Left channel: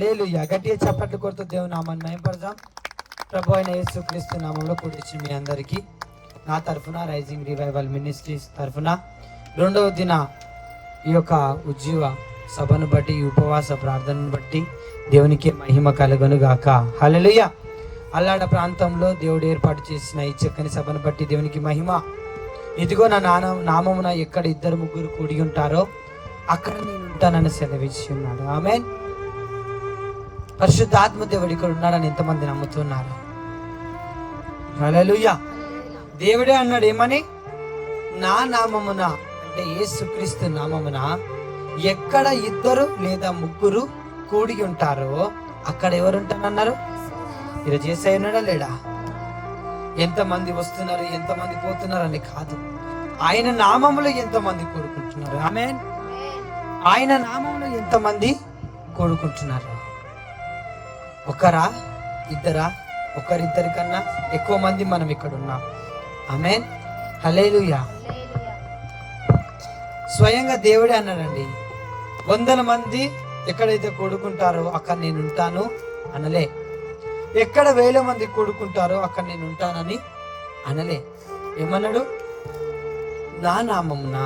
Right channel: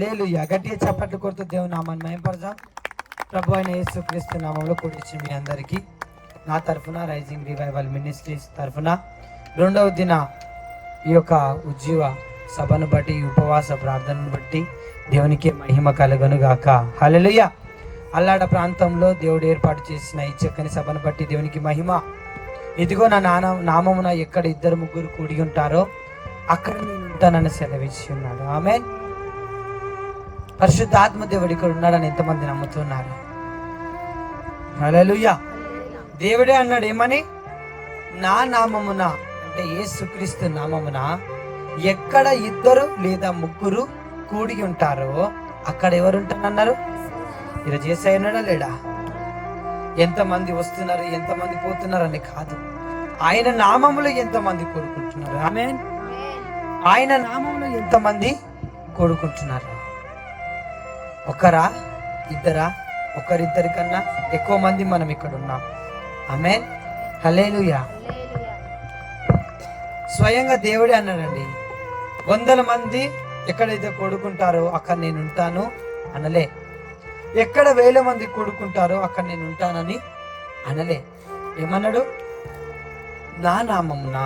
హల్లెలూయా. గట్టిగా చప్పట్లు కొడుతూ దేవుని నామాన్ని మహిమపరదాం. ప్రభు అయిన యేసుక్రీస్తు నామంలో కూర్చి మీ అందరికీ నా తరఫున రైజింగ్ రివైవల్ మినిస్ట్రీస్ తరఫున రెండవ దిన ఈ యొక్క ఉజ్జీవ సభను బట్టి ఉపవాస ప్రార్థనను బట్టి దేవునికి మహిమ కలుగును గాక. హల్లెలూయా. అల్లాడ ప్రాంతంలో దేవుడు ఏర్పాటు చేసిన ఈ చక్కని సభను బట్టి దేవునికి మహిమ. ఇదిగో నా నామమున ఎక్కడ ఇద్దరు ముగ్గురు కూడి ఉంటారో అక్కడ నేను ఉంటానని సెలవిచ్చి ఉన్నాడు. ఆమేన్. పరిశుద్ధాత్మ దేవుడు ఇక్కడ ఉన్నాడని ఎంతమంది నమ్ముతున్నారు? హల్లెలూయా. దేవుడే అన్నాడు ఏమని? నా నామమున అంటే యేసుక్రీస్తు నామమున ఎక్కడ ఇద్దరు లేదా ముగ్గురు కూడి ఉంటారో అక్కడ ఎవరు ఉంటానన్నారు? ఈరోజు యేసయ్య ఉన్నాడా లేడా? ఎంతమంది వస్తున్నారు ఎంతమంది పోతున్నారు అని కాదు, ఆయన నామములో ఎంతమంది కోరుకుంటున్నారు. ఆమేన్. ఆయన నామంలో ఎంతమంది కోరుకుంటున్నారు? ఒకరా ఇద్దరా? ఒకరిద్దరి కన్నా ఎక్కువ మంది మనం ఇక్కడ ఉన్నాం. ఆమేన్. హల్లెలూయా. స్వయంగా దేవుడే అన్నాడండి, 100 మంది ఎక్కడైతే కూడుకుంటారో అక్కడ నేను ఉంటాను అనలే. ఎక్కడ 1000 మంది కూడుకుంటారో అక్కడ నేను ఉంటానని అనలే. ఏమన్నాడు? నా నామమున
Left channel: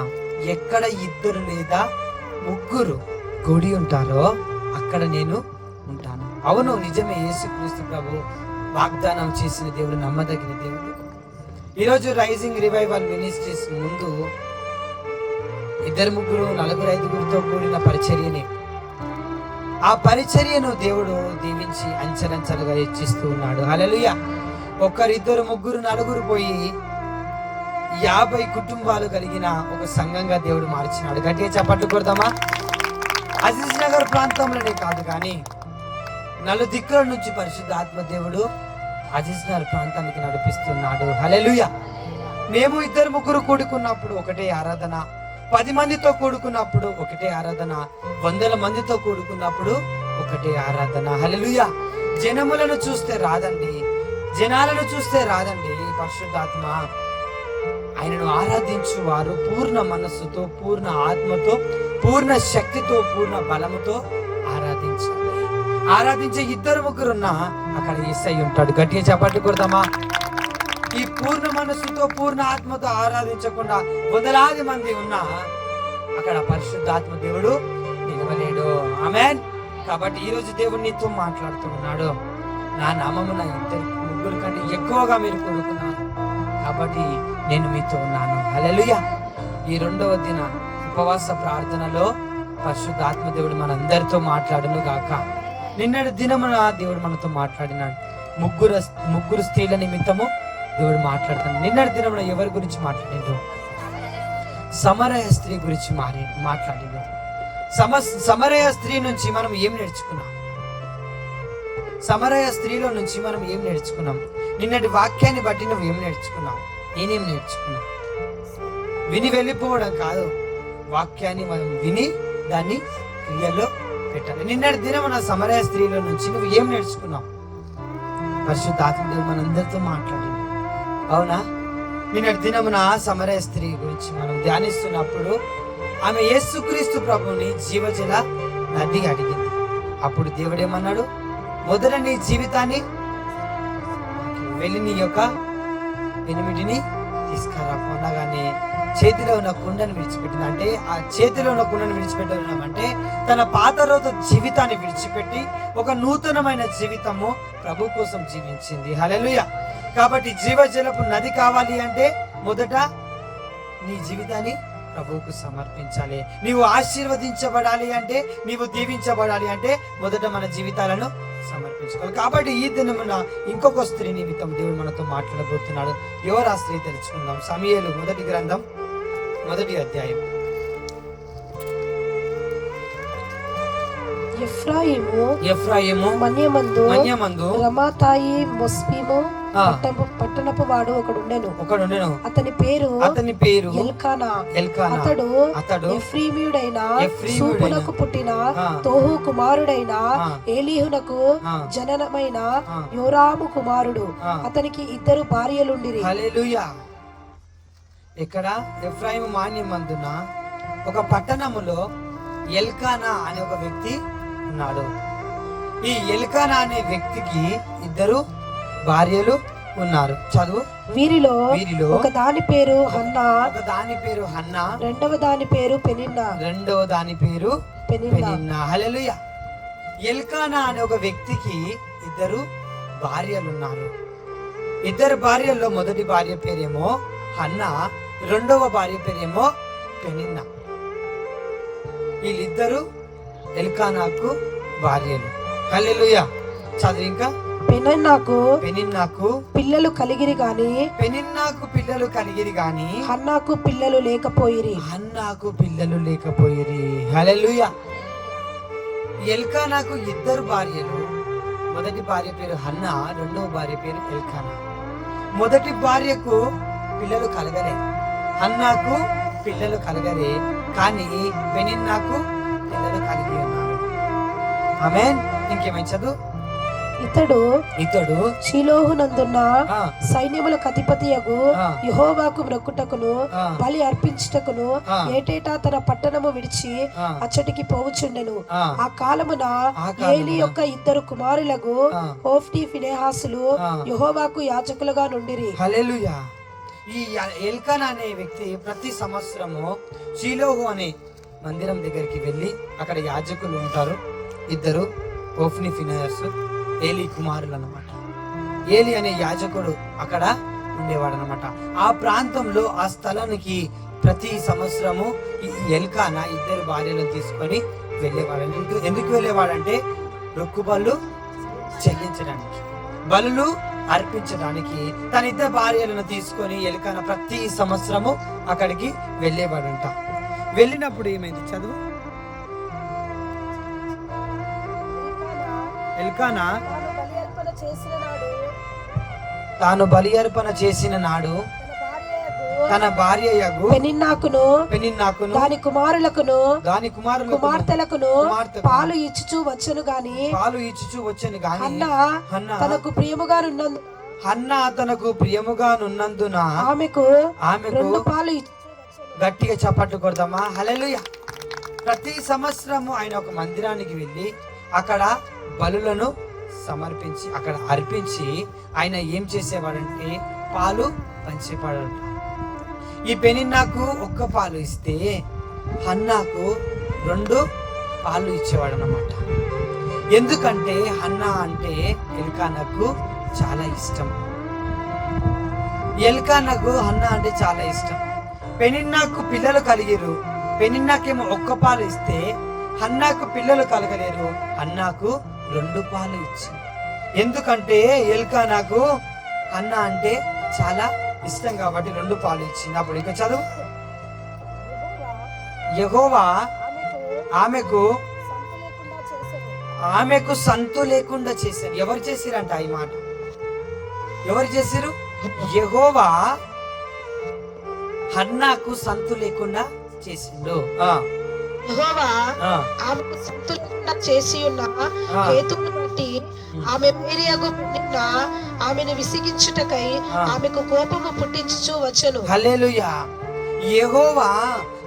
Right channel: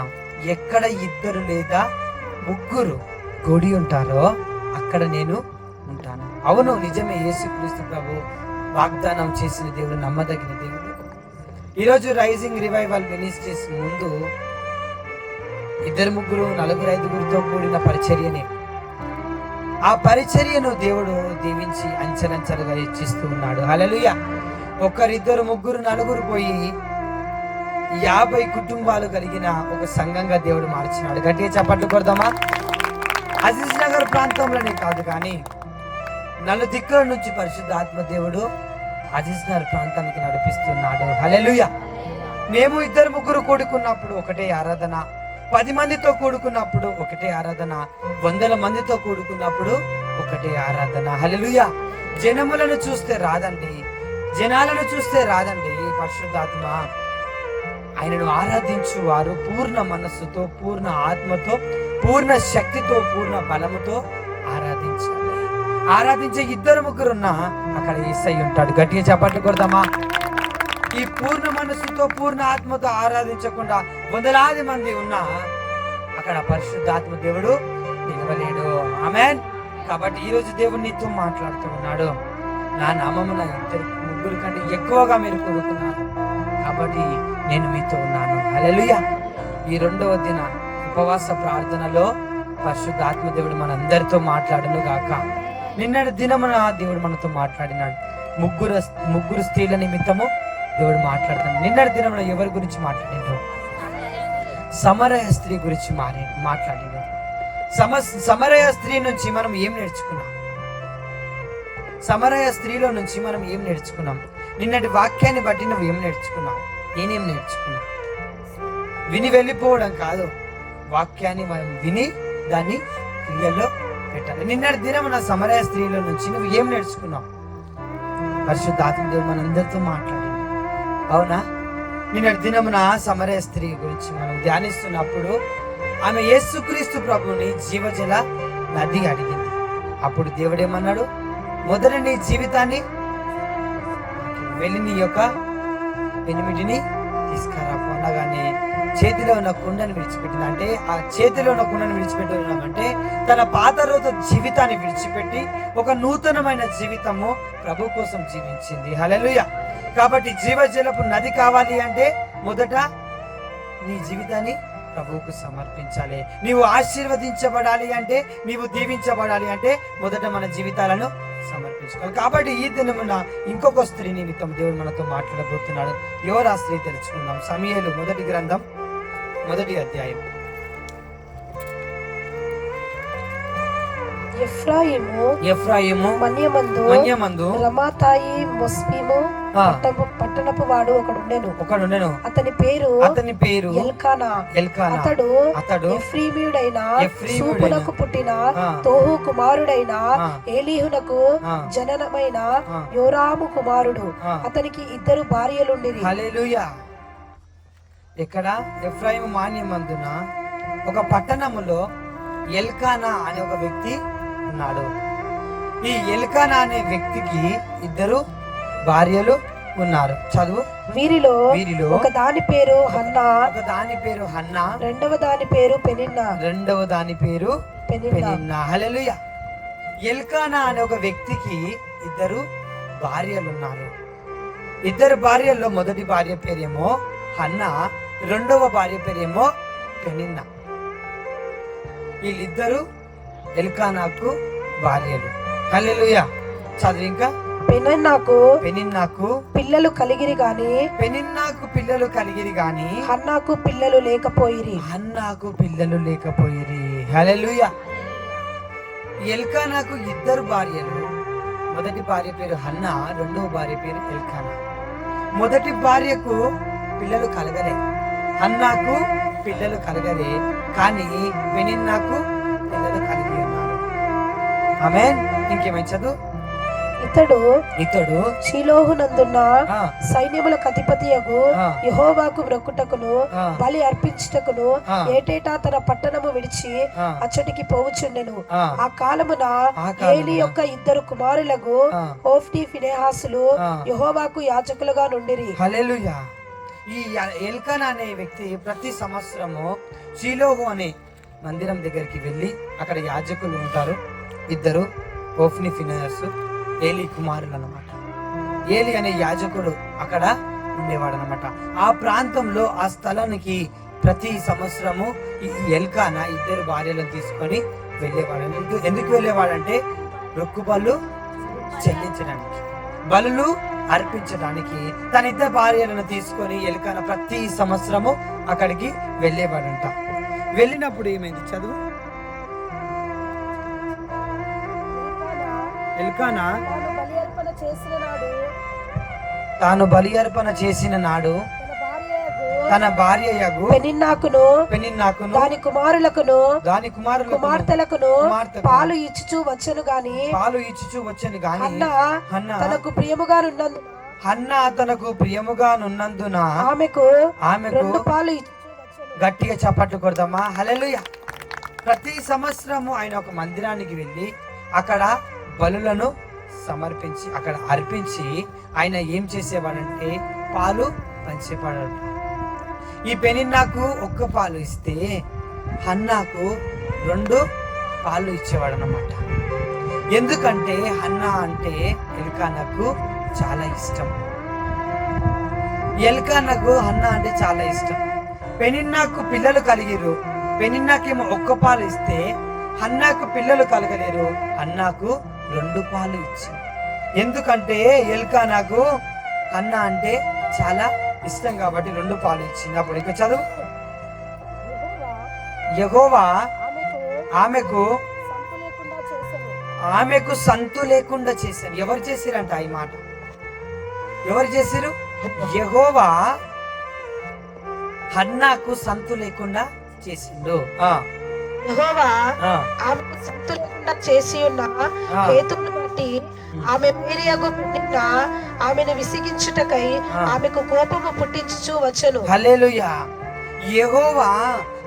ఎక్కడ ఇద్దరు లేదా ముగ్గురు కూడి ఉంటారో అక్కడ నేను ఉంటాను. అవును, నిజమే. యేసుక్రీస్తు ప్రభు వాగ్దానం చేసిన దేవుడు నమ్మదగిన దేవుడు. ఈరోజు రైజింగ్ రివైవల్ మినిస్ట్రీస్ ముందు 2 3 4 5 కూడిన పరిచర్యని, ఆ పరిచర్యను దేవుడు దీవించి అంచెలంచెలుగా హెచ్చిస్తూ ఉన్నాడు. హల్లెలూయా. 1 2 3 4 పోయి 50 కుటుంబాలు కలిగిన ఒక సంఘంగా దేవుడు మార్చినాడు. గట్టిగా చప్పట్లు కొడదామా? అజీజ్ నగర్ ప్రాంతంలోనే కాదు కానీ నలుదిక్కుల నుంచి పరిశుద్ధాత్మ దేవుడు అజీజ్ నగర్ ప్రాంతానికి నడిపిస్తున్నాడు. హల్లెలూయా. మేము 2 3 కూడుకున్నప్పుడు ఒకటే ఆరాధన, 10 మందితో కూడుకున్నప్పుడు ఒకటే ఆరాధన, 100 మందితో కూడుకున్నప్పుడు ఒకటే ఆరాధన. హల్లెలూయా. జనములను చూస్తే రాదండి, జనాలను చూస్తే రాదండి. పరిశుద్ధాత్మ ఆయనను ఆరాధించు వారు పూర్ణ మనస్సుతో, పూర్ణ ఆత్మతో, పూర్ణ శక్తితో, పూర్ణ బలముతో ఆరాధించాలి. ఆరాధించే 2 3 ఉన్నా అక్కడ యేసయ్య ఉంటాడు. గట్టిగా చప్పట్లు కొడదామా? ఈ పూర్ణ మనస్సుతో, పూర్ణ ఆత్మతో ఆరాధించకుండా 100 మంది ఉన్నా అక్కడ పరిశుద్ధాత్మ దేవుడు నిలవలేడు. ఆమేన్. కాబట్టి ఈ రోజు దేవుడు నీతో మాట్లాడుతూ ఉన్నాడు. నా నామమున 2 3 కంటే ఎక్కువగా మీరు కూడుకున్నారు కాబట్టి నేను మీతో ఉన్నాను. హల్లెలూయా. ఈ 2వ దిన ఉపవాస ప్రార్థనలో పరిశుద్ధాత్మ దేవుడు మనందరితో మాట్లాడును గాక. నిన్నటి దినమున దేవుడు మనతో మాట్లాడినాడు. ముగ్గురు స్త్రీల నిమిత్తము దేవుడు మాట్లాడుతాడు. నిన్నటి దినమున ఎవరి గురించి మాట్లాడిండు? సమరయ స్త్రీ గురించి మాట్లాడిండు. సమరయ స్త్రీ నుంచి మనం ఏం నేర్చుకున్నాం? సమరయ స్త్రీలో నుంచి మనం ఏం నేర్చుకున్నాం? నిన్నటి వాక్యాన్ని బట్టి నువ్వు ఏం నేర్చుకున్నావు? నేనేం నేర్చుకున్నా? విని వెళ్ళిపోవడం కాదు, వాక్యాన్ని మనం విని దాన్ని క్రియల్లో పెట్టాలి. నిన్నటి దినం నా సమరయ స్త్రీలో నుంచి నువ్వు ఏం నేర్చుకున్నావు? పరిశుద్ధాత్మ దేవుడు మనందరితో మాట్లాడింది. అవునా? నిన్నటి దినమున సమరయ స్త్రీ గురించి మనం ధ్యానిస్తున్నప్పుడు ఆమె యేసుక్రీస్తు ప్రభుని జీవజల నది అడిగింది. అప్పుడు దేవుడేమన్నాడు? మొదట నీ జీవితాన్ని వెళ్ళి నీ యొక్క పెనిమిటిని తీసుకురాపు అనగానే చేతిలో ఉన్న కుండను విడిచిపెట్టింది. అంటే ఆ చేతిలో ఉన్న కుండను విడిచిపెట్టినామంటే తన పాత రోజు జీవితాన్ని విడిచిపెట్టి ఒక నూతనమైన జీవితము ప్రభు కోసం జీవించింది. హల్లెలూయా. కాబట్టి జీవజలపు నది కావాలి అంటే మొదట నీ జీవితాన్ని ప్రభువుకు సమర్పించాలి. నీవు ఆశీర్వదించబడాలి అంటే, నీవు దీవించబడాలి అంటే మొదట మన జీవితాలను సమర్పించుకోవాలి. కాబట్టి ఈ దినమున ఇంకొక స్త్రీ నిమిత్తం దేవుడు మనతో మాట్లాడబోతున్నాడు. ఎవరు ఆ స్త్రీ తెలుసుకుందాం. సమూయేలు 1వ గ్రంథం 1వ అధ్యాయం. ఎఫ్రాయిము మన్యమందు రమాతాయి మొస్పీము పట్టణపు వాడు ఒకడుండెను. అతని పేరు ఎల్కానా. అతడు ఎఫ్రీమీయుడైన సూపునకు పుట్టిన తోహు కుమారుడైన ఏలీహునకు జననమైన యోరాము కుమారుడు. అతనికి 2 భార్యలుండిరి. హల్లెలూయా. ఇక్కడ ఎఫ్రాయిము మాన్యమందున ఒక పట్టణములో ఎల్కానా అనే ఒక వ్యక్తి ఉన్నాడు. ఈ ఎల్కానా అనే వ్యక్తికి ఇద్దరు భార్యలు ఉన్నారు. చదువు. వీరిలో ఒక దాని పేరు హన్నా, రెండవ దాని పేరు పెనిన్నా. హల్లెలూయా. ఎల్కానా అనే ఒక వ్యక్తికి ఇద్దరు భార్యలు ఉన్నారు. ఇద్దరు భార్యల్లో మొదటి భార్య పేరేమో హన్నా, రెండవ భార్య పేరేమో పెనిన్నా. వీళ్ళిద్దరు ఎల్కానాకు భార్యలు. హల్లెలూయా. చదువు ఇంకా. పెనిన్నాకు పిల్లలు కలిగిరి గాని హన్నాకు పిల్లలు లేకపోయిరి. హల్లెలూయా. ఎల్కానాకు ఇద్దరు భార్యలు. మొదటి భార్య పేరు హన్నా, రెండవ భార్య పేరు ఎల్కానా. మొదటి భార్యకు పిల్లలు కలగలే, హన్నాకు పిల్లలు కలగలే, కానీ పెనిన్నాకు పిల్లలు కలిగి ఉన్నారు. ఆమేన్. ఇంకేమైనా చదువు. ఇతడు షిలోహునందున్న సైన్యములకు అధిపతియగు యెహోవాకు మొక్కుటకును బలి అర్పించుటకును ఏటేటా తన పట్టణము విడిచి అచ్చటికి పోవుచుండెను. ఆ కాలమున ఏలి యొక్క ఇద్దరు కుమారులకు హోఫ్నీ ఫినెహాసులు యెహోవాకు యాజకులుగా నుండిరి. హల్లెలూయా. ఈ ఎల్కానా అనే వ్యక్తి ప్రతి సంవత్సరము షిలోహు అనే మందిరం దగ్గరికి వెళ్ళి అక్కడ యాజకులు ఉంటారు. ఇద్దరు హోఫ్నీ ఫినెహాసు, ఏలి కుమారులు అన్నమాట. ఏలి అనే యాజకుడు అక్కడ ఉండేవాడు అన్నమాట. ఆ ప్రాంతంలో ఆ స్థలానికి ప్రతి సంవత్సరము ఈ ఎల్కానా ఇద్దరు భార్యలను తీసుకొని వెళ్ళేవాడు. ఎందుకు వెళ్ళేవాడంటే రొక్కుబళ్ళు చెల్లించడానికి, బలులు అర్పించడానికి తన ఇద్దరు భార్యలను తీసుకొని ఎల్కానా ప్రతి సంవత్సరము అక్కడికి వెళ్ళేవాడంట. వెళ్ళినప్పుడు ఏమైంది? చదువు. ఎల్కానా తాను బలి అర్పణ చేసిన నాడు తన భార్య పెనిన్నాకును దాని కుమారులకును కుమార్తెలకును పాలు ఇచ్చుచూ వచ్చను గాని హన్నా తనకు ప్రియముగానున్నందున ఆమెకు పాలు గట్టిగా చప్పట్లు కొడదామా? హల్లెలూయా. ప్రతి సంవత్సరము ఆయన ఒక మందిరానికి వెళ్ళి అక్కడ బలులను సమర్పించి అక్కడ అర్పించి ఆయన ఏం చేసేవాడంటే పాలు పంచేవాడు. ఈ పెనిన్నాకు ఒక్క పాలు ఇస్తే హన్నాకు 2 పాలు ఇచ్చేవాడు అన్నమాట. ఎందుకంటే హన్నా అంటే ఎల్కానాకు చాలా ఇష్టం. హన్నా అంటే చాలా ఇష్టం. పెనిన్నాకు పిల్లలు కలిగిరు. పెనిన్నాకేమో ఒక్క పాలు ఇస్తే హన్నాకు పిల్లలు కలగలేరు. హన్నాకు 2 పాలు ఇచ్చింది. ఎందుకంటే ఎల్కానాకు హన్నా అంటే చాలా ఇష్టం కాబట్టి 2 పాలు ఇచ్చింది. అప్పుడు ఇంకా చదువు. యెహోవా ఆమెకు సంతు లేకుండా చేశారు. ఎవరు చేసిరంట ఈ మాట? ఎవరు చేసిరు? యెహోవా హన్నాకు సంతు లేకుండా చేసిండు. యెహోవా ఆమెకు సంతు లేకుండా చేసి ఉన్న హేతువును బట్టి ఆమె మేరియగు పెనిన్న ఆమెను విసిగించుటకై ఆమెకు కోపము పుట్టించుచూ వచ్చెను. హల్లెలూయా. యెహోవా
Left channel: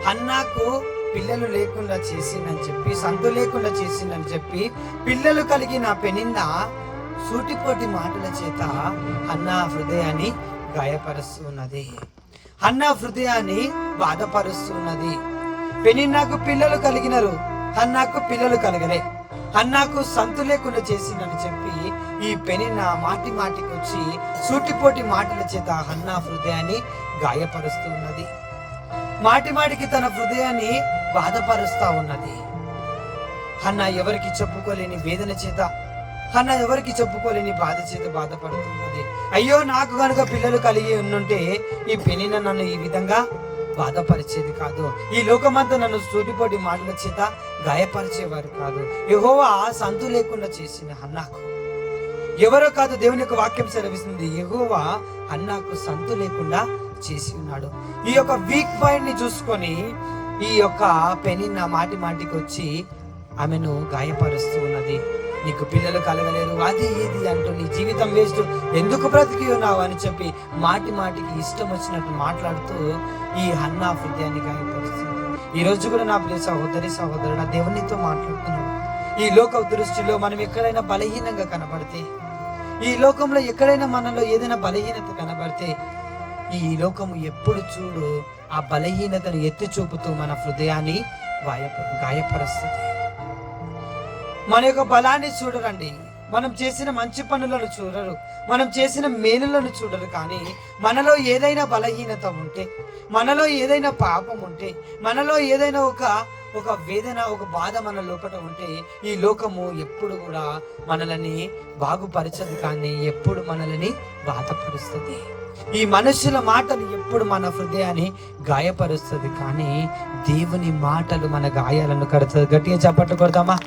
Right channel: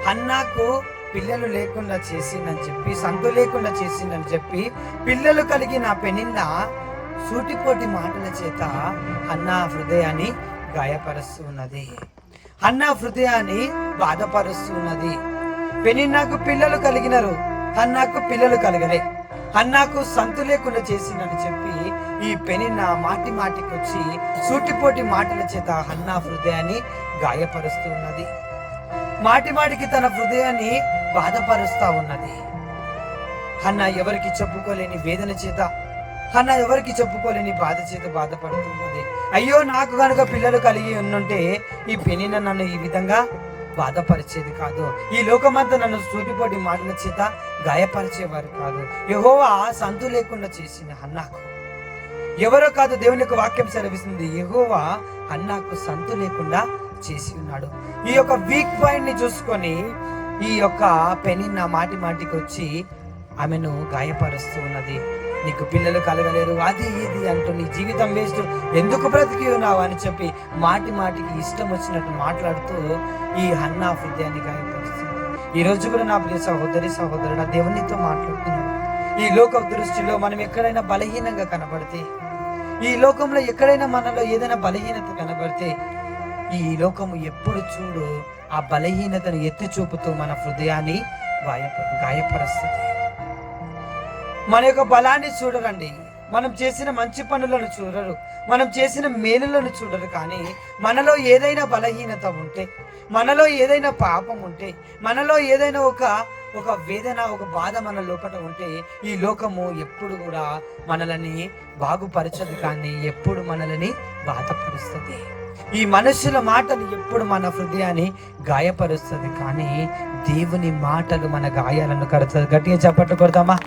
హన్నాకు పిల్లలు లేకుండా చేసిందని చెప్పి, సంతు లేకుండా చేసిందని చెప్పి, పిల్లలు కలిగిన పెనిన్న సూటిపోటి మాటల చేత హన్నా హృదయాన్ని గాయపరుస్తున్నది. హన్నా హృదయాన్ని బాధపరుస్తున్నది. పెనిన్నాకు పిల్లలు కలిగినారు, హన్నాకు పిల్లలు కలగలే. హన్నాకు సంతు లేకుండా చేసిందని చెప్పి ఈ పెనిన్న మాటికి వచ్చి సూటిపోటి మాటల చేత హన్నా హృదయాన్ని గాయపరుస్తూ ఉన్నది. మాటికి తన హృదయాన్ని బాధపరుస్తా ఉన్నది. హన్నా ఎవరికి చెప్పుకోలేని వేదన చేత, హన్నా ఎవరికి చెప్పుకోలేని బాధ చేత బాధపడుతున్నది. అయ్యో, నాకు కనుక పిల్లలు కలిగి ఉండుంటే ఈ పెనిన్న నన్ను ఈ విధంగా బాధపరిచేది కాదు, ఈ లోకమంతా నన్ను సూటిపోటి మాటల చేత గాయపరిచేవారు కాదు. యెహోవా సంతు లేకుండా చేసిన హన్నాకు, ఎవరో కాదు, దేవుని యొక్క వాక్యం సెలవిస్తుంది, యెహోవా హన్నాకు సంతు లేకుండా చేసి ఉన్నాడు. ఈ యొక్క వీక్ పాయింట్ ని చూసుకొని ఈ యొక్క పెనిన్న మాటికి వచ్చి ఆమెను గాయపరుస్తూ ఉన్నది. నీకు పిల్లలు కలగలేరు, అది ఇది అంటూ, నీ జీవితం వేస్ట్, ఎందుకు బ్రతికి ఉన్నావు అని చెప్పి మాటికి ఇష్టం వచ్చినట్టు మాట్లాడుతూ ఈ హన్నా హృదయాన్ని గాయపరుస్తుంది. ఈ రోజు కూడా నా ప్రియ సహోదరుడు దేవునితో మాట్లాడుతున్నాడు. ఈ లోక దృష్టిలో మనం ఎక్కడైనా బలహీనంగా కనబడితే, ఈ లోకంలో ఎక్కడైనా మనలో ఏదైనా బలహీనత కనబడితే, ఈ లోకము ఎప్పుడు చూడు ఆ బలహీనతను ఎత్తి చూపుతూ మన హృదయాన్ని గాయపరుస్తుంది. మన యొక్క బలాన్ని చూడరండి, మనం చేసిన మంచి పనులను చూడరు, మనం చేసిన మేలులను చూడరు. కానీ మనలో ఏదైనా బలహీనత ఉంటే, మనలో ఏదైనా పాపం ఉంటే, మనలో ఏదైనా ఒక వేదన, ఒక బాధ మన లోపల ఉంటే, ఈ లోకము ఎప్పుడు కూడా మనల్ని బాగుపరచదు, కానీ ఎప్పుడు మనల్ని బాధపరుస్తుంది. ఈ మనుషుల మాటలు ఎప్పుడు మన హృదయాన్ని గాయపరుస్తుంది, కానీ దేవుని మాటలు మన గాయాలను కడుతుంది. గట్టిగా చప్పట్లు కొడతామా?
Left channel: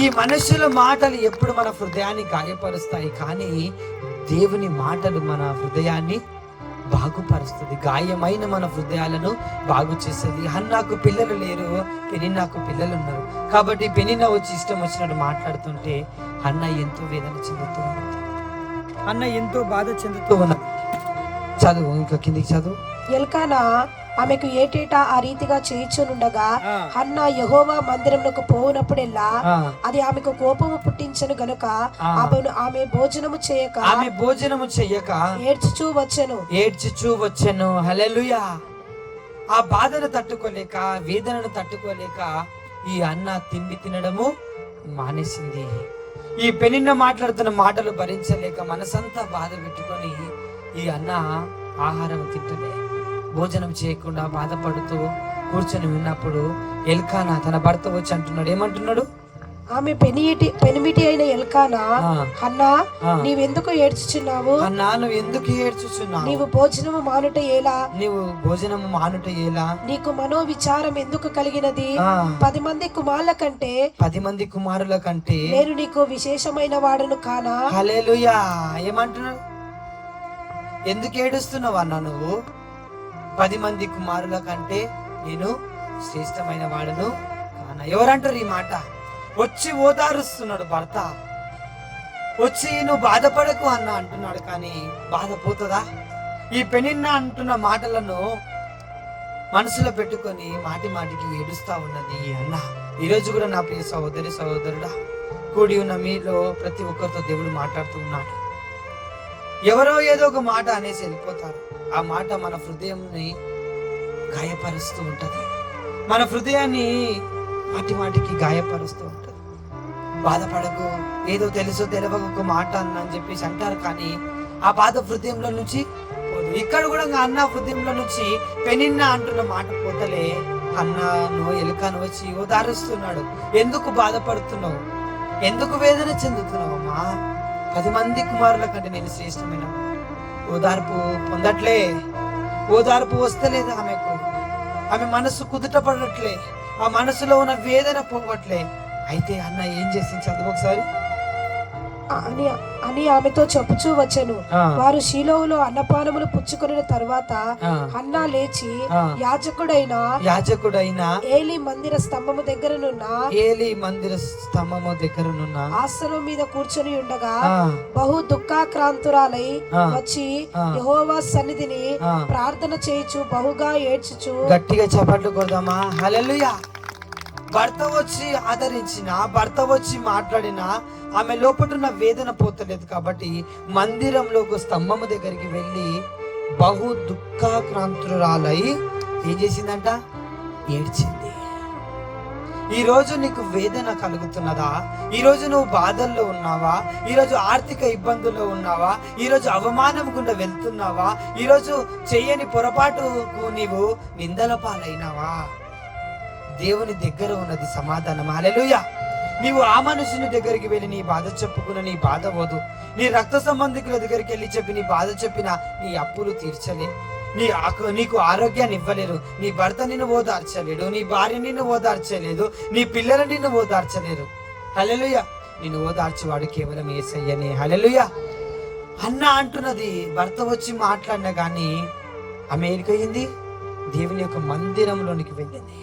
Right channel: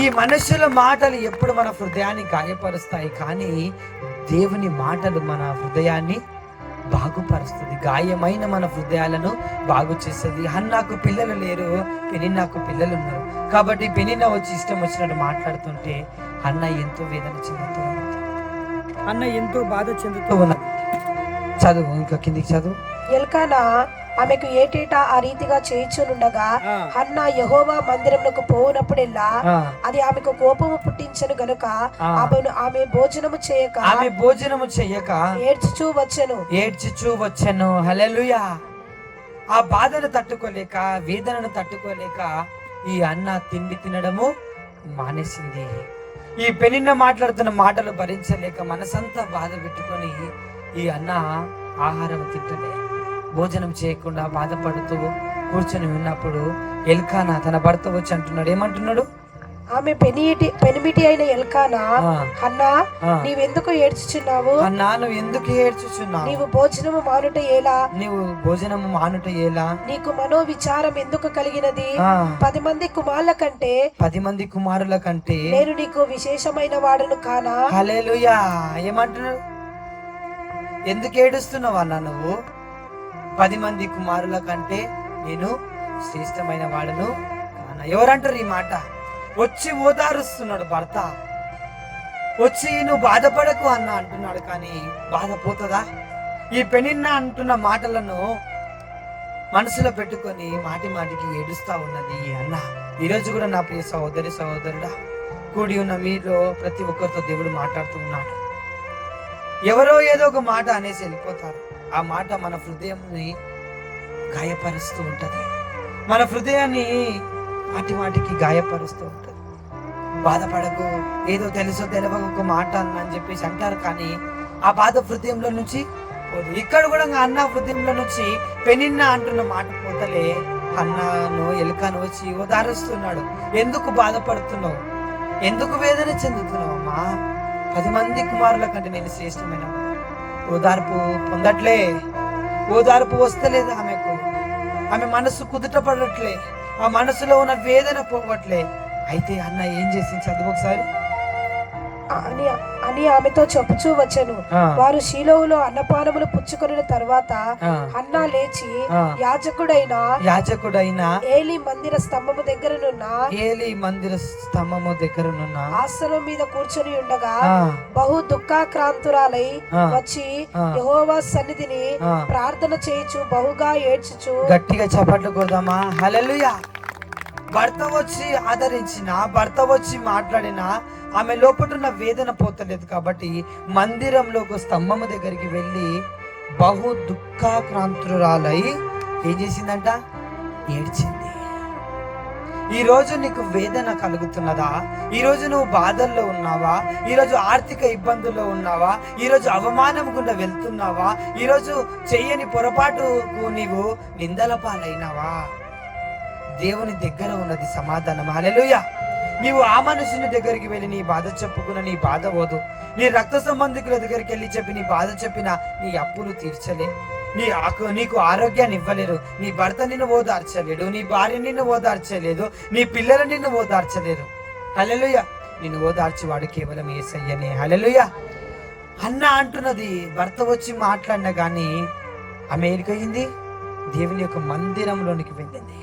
ఈ మనుషుల మాటలు ఎప్పుడు మన హృదయాన్ని గాయపరుస్తాయి, కానీ దేవుని మాటలు మన హృదయాన్ని బాగుపరుస్తుంది. గాయమైన మన హృదయాలను బాగు చేస్తుంది. హన్నాకు పిల్లలు లేరు, పెనిన్నాకు పిల్లలు ఉన్నారు. కాబట్టి పెనిన్నా వచ్చి ఇష్టం వచ్చినట్టు మాట్లాడుతుంటే హన్న ఎంతో వేదన చెందుతూ ఉన్నది, అన్న ఎంతో బాధ చెందుతూ ఉన్నది. చదువు, ఇంకా కిందికి చదువు. ఎల్కానా ఆమెకు ఏటేటా ఆ రీతిగా చేయుచునుండగా హన్నా యెహోవా మందిరమునకు పోవునప్పుడెల్లా అది ఆమెకు కోపము పుట్టించను గనుక ఆమె భోజనము చేయక ఏడ్చుచూ వచ్చెను. హల్లెలూయా. ఆ బాధను తట్టుకోలేక, వేదనను తట్టుకోలేక ఈ అన్న తిండి తినడము మానేసింది. ఈ పెనిన్న మాట్లాడుతున్న మాటలు భరించలేక మనసంతా బాధ పెట్టుకొని ఈ అన్న ఆహారం తింటలే, భోజనం చేయకుండా బాధపడుతూ కూర్చొని ఉన్నప్పుడు ఎల్కానా తన భర్త వచ్చి అంటున్నాడు. ఏమంటున్నాడు? ఆమె పెనిమిటి అయిన ఎల్కానా, హన్నా నీవెందుకు ఏడ్చుచున్నావు? అన్నా, నువ్వు ఎందుకు ఏడ్చుచున్నావు? నీవు భోజనము మానుట ఏలా? నీవు భోజనము మానుట ఏలా? నీకు మనో విచారం ఎందుకు కలిగినది? 10 మంది కుమారుల కంటే నేను నీకు విశేషమైన వాడను కానా? హల్లెలూయా. ఏమంటున్నాడు? ఎందుకు ఏడుస్తున్నావు అన్న? నువ్వు 10 మంది కుమారుల కంటే నేను శ్రేష్టమైన వాడను కానా? ఎవరంటారు ఈ మాట? వచ్చి ఓదారుస్తున్నాడు భర్త, వచ్చి నువ్వు బాధపడకు అన్న అంటున్నాడు. కానీ బాధ పోతుందా? ఈ పెనిన్న అంటున్న మాటలను మనసులో పెట్టుకొని మాటి మాటికి ఏడుస్తా ఉన్నది ఈ అన్న. ఈరోజు కూడా నా ప్రియ సహోదరి సహోదరుడా, కూడి ఉన్న మీలో ప్రతి ఒక్కరితో దేవుడు మాట్లాడుతూ ఉన్నాడు. ఎవరో ఏదో ఒక మాట అనేసి వెళ్ళిపోతారు. ఆ మాట మన హృదయంని గాయపరుస్తూ ఉంటది, మన హృదయాన్ని మాటి మాటికి గాయపరుస్తూ ఉంటది. బాధపడకు, ఏదో తెలుసో తెలియక ఒక మాట అన్న అని చెప్పేసి అంటారు, కానీ ఆ బాధ హృదయంలో నుంచి పోదు. ఇక్కడ కూడా అన్న హృదయంలో నుంచి పెనిన్న అంటున్న మాట పోతలే. అన్నను ఎలుకను వచ్చి ఓదారుస్తున్నాడు. ఎందుకు బాధపడుతున్నావు? ఎందుకు వేదన చెందుతున్నావు అమ్మా? 10 మంది కుమారుల కంటే నేను శ్రేష్టమైన. ఓదార్పు పొందట్లే, ఓదార్పు వస్తలేదు ఆమెకు. ఆమె మనసు కుదుట పడట్లే, ఆ మనసులో ఉన్న వేదన పోవట్లే. అయితే అన్న ఏం చేసి చదువు ఒకసారి అని ఆమెతో చెప్పుచూ వచ్చెను. వారు షీలోవులో అన్నపానములు పుచ్చుకొనిన తర్వాత హన్నా లేచి యాజకుడైన ఏలీ మందిర స్తంభము దగ్గరనున్న ఆసనం మీద కూర్చొని ఉండగా బహు దుఃఖాక్రాంతురాలై వచ్చి యెహోవా సన్నిధిని ప్రార్థన చేయుచు బహుగా ఏడ్చుచు. గట్టిగా చప్పట్లు కొడదామా? హల్లెలూయా. భర్త వచ్చి ఆదరించిన, భర్త వచ్చి మాట్లాడినా ఆమె లోపల వేదన పోతలేదు. కాబట్టి మందిరంలోకి స్తంభము దగ్గరికి వెళ్ళి బహు దుఃఖాక్రాంతురాలై ఏం చేసిందంట? ఏడ్చింది. ఈ రోజు నీకు వేదన కలుగుతున్నదా? ఈ రోజు నువ్వు బాధల్లో ఉన్నావా? ఈ రోజు ఆర్థిక ఇబ్బందుల్లో ఉన్నావా? ఈ రోజు అవమానం గుండా వెళ్తున్నావా? ఈ రోజు చెయ్యని పొరపాటుకు నీవు నిందల పాలైనవా? దేవుని దగ్గర ఉన్నది సమాధానం. హల్లెలూయా. నీవు ఆ మనుషుని దగ్గరికి వెళ్ళి నీ బాధ చెప్పుకున్న నీ బాధ పోదు. నీ రక్త సంబంధికుల దగ్గరికి వెళ్ళి చెప్పి నీ బాధ చెప్పిన నీ అప్పులు తీర్చలే, నీకు ఆరోగ్యాన్ని ఇవ్వలేరు. నీ భర్త నిన్ను ఓదార్చలేడు, నీ భార్య నిన్ను ఓదార్చలేదు, నీ పిల్లలు నిన్ను ఓదార్చలేరు. హల్లెలూయా. నిన్ను ఓదార్చేవాడు కేవలం యేసయ్యనే. హల్లెలూయా. అన్న అంటున్నది, భర్త వచ్చి మాట్లాడినా కానీ ఆమె ఎక్కడికి? దేవుని యొక్క మందిరంలోనికి వెళ్ళింది.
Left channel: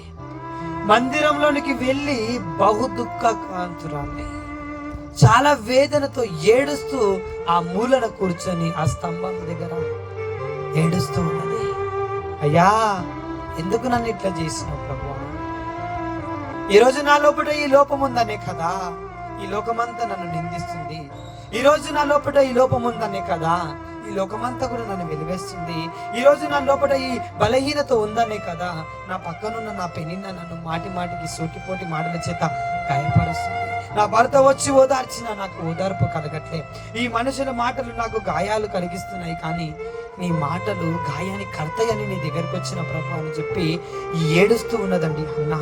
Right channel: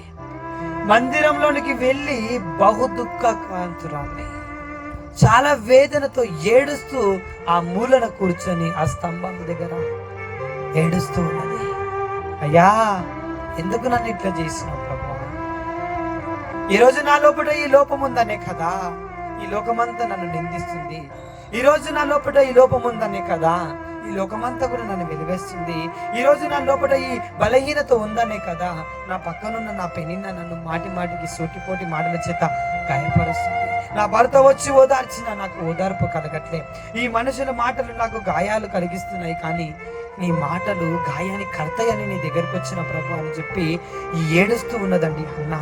మందిరంలోనికి వెళ్ళి బహు దుఃఖాక్రాంతురాలై చాలా వేదనతో ఏడుస్తూ ఆ మూలన కూర్చొని ఆ స్తంభం దగ్గర ఏడుస్తూ ఉన్నది. అయ్యా, ఎందుకు నన్ను ఇట్లా చేసినావు ప్రభు? ఈ రోజు నా లోపల ఈ లోపం ఉందనే కదా ఈ లోకమంతా నన్ను నిందిస్తుంది. ఈ రోజు నా లోపల ఈ లోపం ఉందనే కదా ఈ లోకమంతా కూడా నన్ను వెలివేస్తుంది. ఈ రోజు నా లోపల ఈ బలహీనత ఉందనే కదా నా పక్కనున్న నా పెనిన్న నన్ను మాటి మాటికి సూటిపోటి మాటల చేత గాయపరుస్తుంది. నా భర్త వచ్చి ఓదార్చినా నాకు ఓదార్పు కలగట్లే. ఈ మనుషుల మాటలు నాకు గాయాలు కలిగిస్తున్నాయి, కానీ నీ మాటలు గాయాన్ని కడతాయని నీ దగ్గరికి వచ్చిన ప్రభు అని చెప్పి ఏడుస్తూ ఉన్నదండి. అన్నా,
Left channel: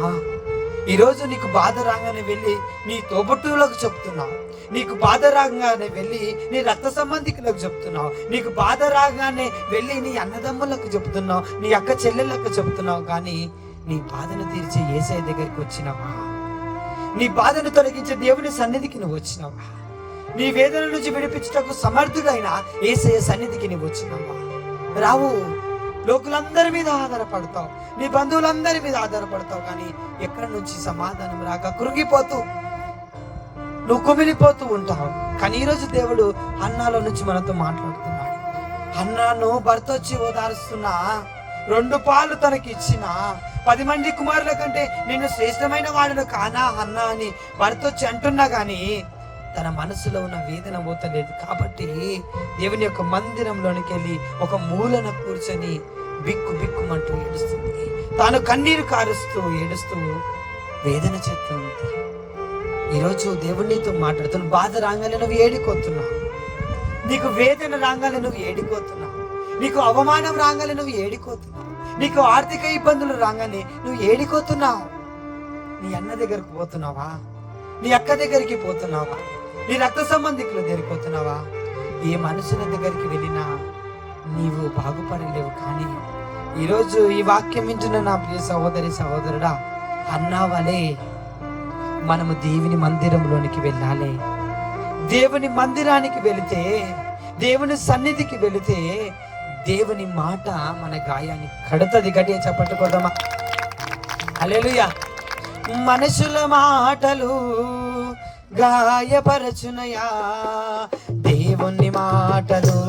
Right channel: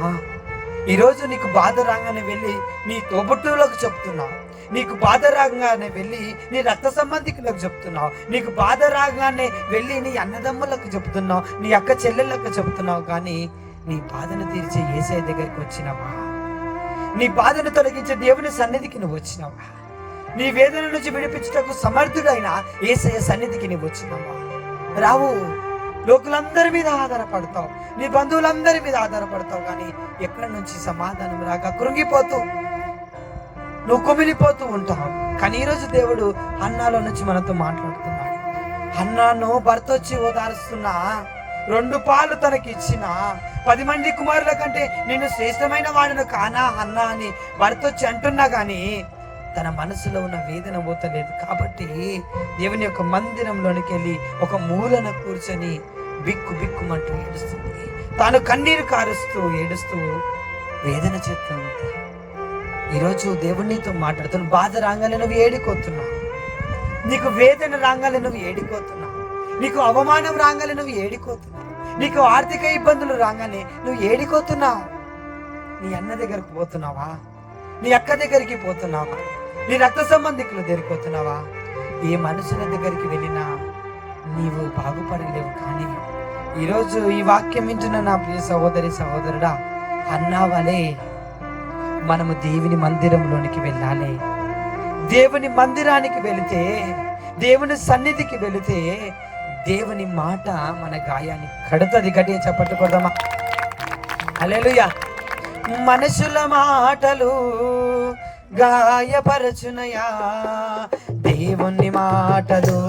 ఈరోజు నీకు బాధ రాగానే వెళ్ళి నీ తోబుట్టువులకు చెప్తున్నావు, నీకు బాధ రాగానే వెళ్ళి నీ రక్త సంబంధికులకు చెప్తున్నావు, నీకు బాధ రాగానే వెళ్ళి నీ అన్నదమ్ములకు చెప్తున్నావు, నీ అక్క చెల్లెళ్ళకు చెప్తున్నావు, కానీ నీ బాధను తీర్చే యేసయ్య దగ్గరికి వచ్చినావా? నీ బాధను తొలగించే దేవుని సన్నిధికి నువ్వు వచ్చినావా? నీ వేదన నుంచి విడిపించుటకు సమర్థుడైన యేసయ్య సన్నిధికి నువ్వు వచ్చినావా? రావు. లోకులందరి మీద ఆధారపడతావు, నీ బంధువులందరి మీద ఆధారపడతావు, కానీ ఎక్కడి నుంచి సమాధానం రాక కృంగిపోతూ నువ్వు కుమిలిపోతూ ఉంటావు. కానీ ఈరోజు దేవుడు హన్నాలో నుంచి మనతో మాట్లాడుతున్నాడు. హన్నాను భర్త వచ్చి ఓదారుస్తున్నా, 2 పాలు తనకి ఇచ్చిన 10 మంది కుమారుల కంటే నేను శ్రేష్టమైన వాడును కానా హన్నా అని భర్త వచ్చి అంటున్నా, గాని తన మనసులో ఉన్న వేదన పోతలేదు. కాబట్టి దేవుని యొక్క మందిరంలోనికి వెళ్ళి ఒక మూలన కూర్చొని బిక్కు బిక్కుమంటూ ఏడుస్తుంది. తాను కన్నీరు కారుస్తూ ఏడుస్తూ వేదన చెప్తుంది. ఈరోజు దేవునితో మాట్లాడుతున్న బాధ రాగానే నువ్వు ఏడిపోతున్నావు, నీకు వేదన రాగానే నువ్వు ఏడిపోతున్నావు, నీకు అవమానం రాగానే నువ్వు ఏడిపోతున్నావు, నీకు ఆర్థిక ఇబ్బందులు రాగానే నువ్వు ఏడిపోతున్నావు. నీ అన్న దగ్గరకు పోతున్నావా? నీ అక్క దగ్గరికి పోతున్నావా? నీ రక్త సంబంధికుల దగ్గరికి పోతున్నావా? ఏ మనుషుల దగ్గరికి వెళ్ళినా నీవు బాగుపడలేవు. కానీ ఈరోజు ఈ వాక్యం వింటున్న నా ప్రియ సహోదరి సహోదరుడా, అన్నావలే మనము దేవుని మందిరంలోనికి వెళ్ళాలి. దేవుని మందిరానికి వెళితే, దేవుని సన్నిధికి వెళితే దేవుని మాట మన గాయాన్ని కడుతుంది. గట్టిగా చప్పట్లు కొడదామా? హల్లెలూయా. మనుషుల మాటలు గాయపరచునయా, దేవుని మాటలు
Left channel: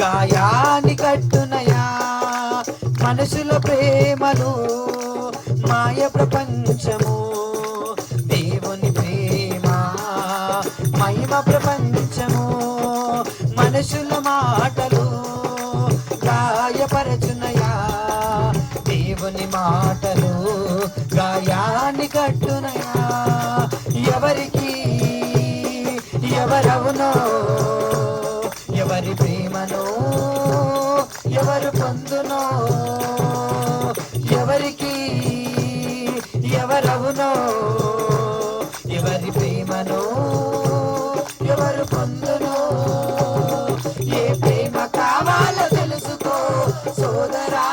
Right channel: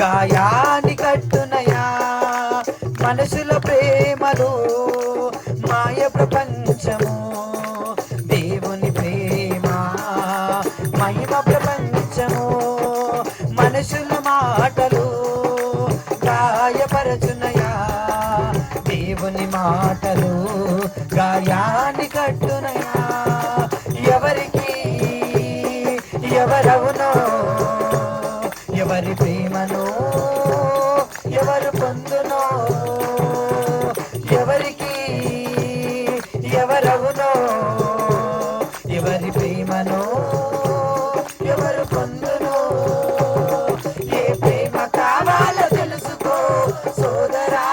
గాయాన్ని కట్టునయా. మనుషుల ప్రేమలు మాయ ప్రపంచము, దేవుని ప్రేమ మహిమ ప్రపంచము. మనుషుల మాటలు గాయపరచునయా, దేవుని మాటలు గాయాన్ని కట్టునయా. ఎవరికి ఎవరవునో, ఎవరి ప్రేమను ఎవరు పొందునో, ఎవరికి ఎవరవునో, ఎవరి ప్రేమను ఎవరు పొందునో. ఏ ప్రేమ కావాలో తెలుసుకో సోదరా,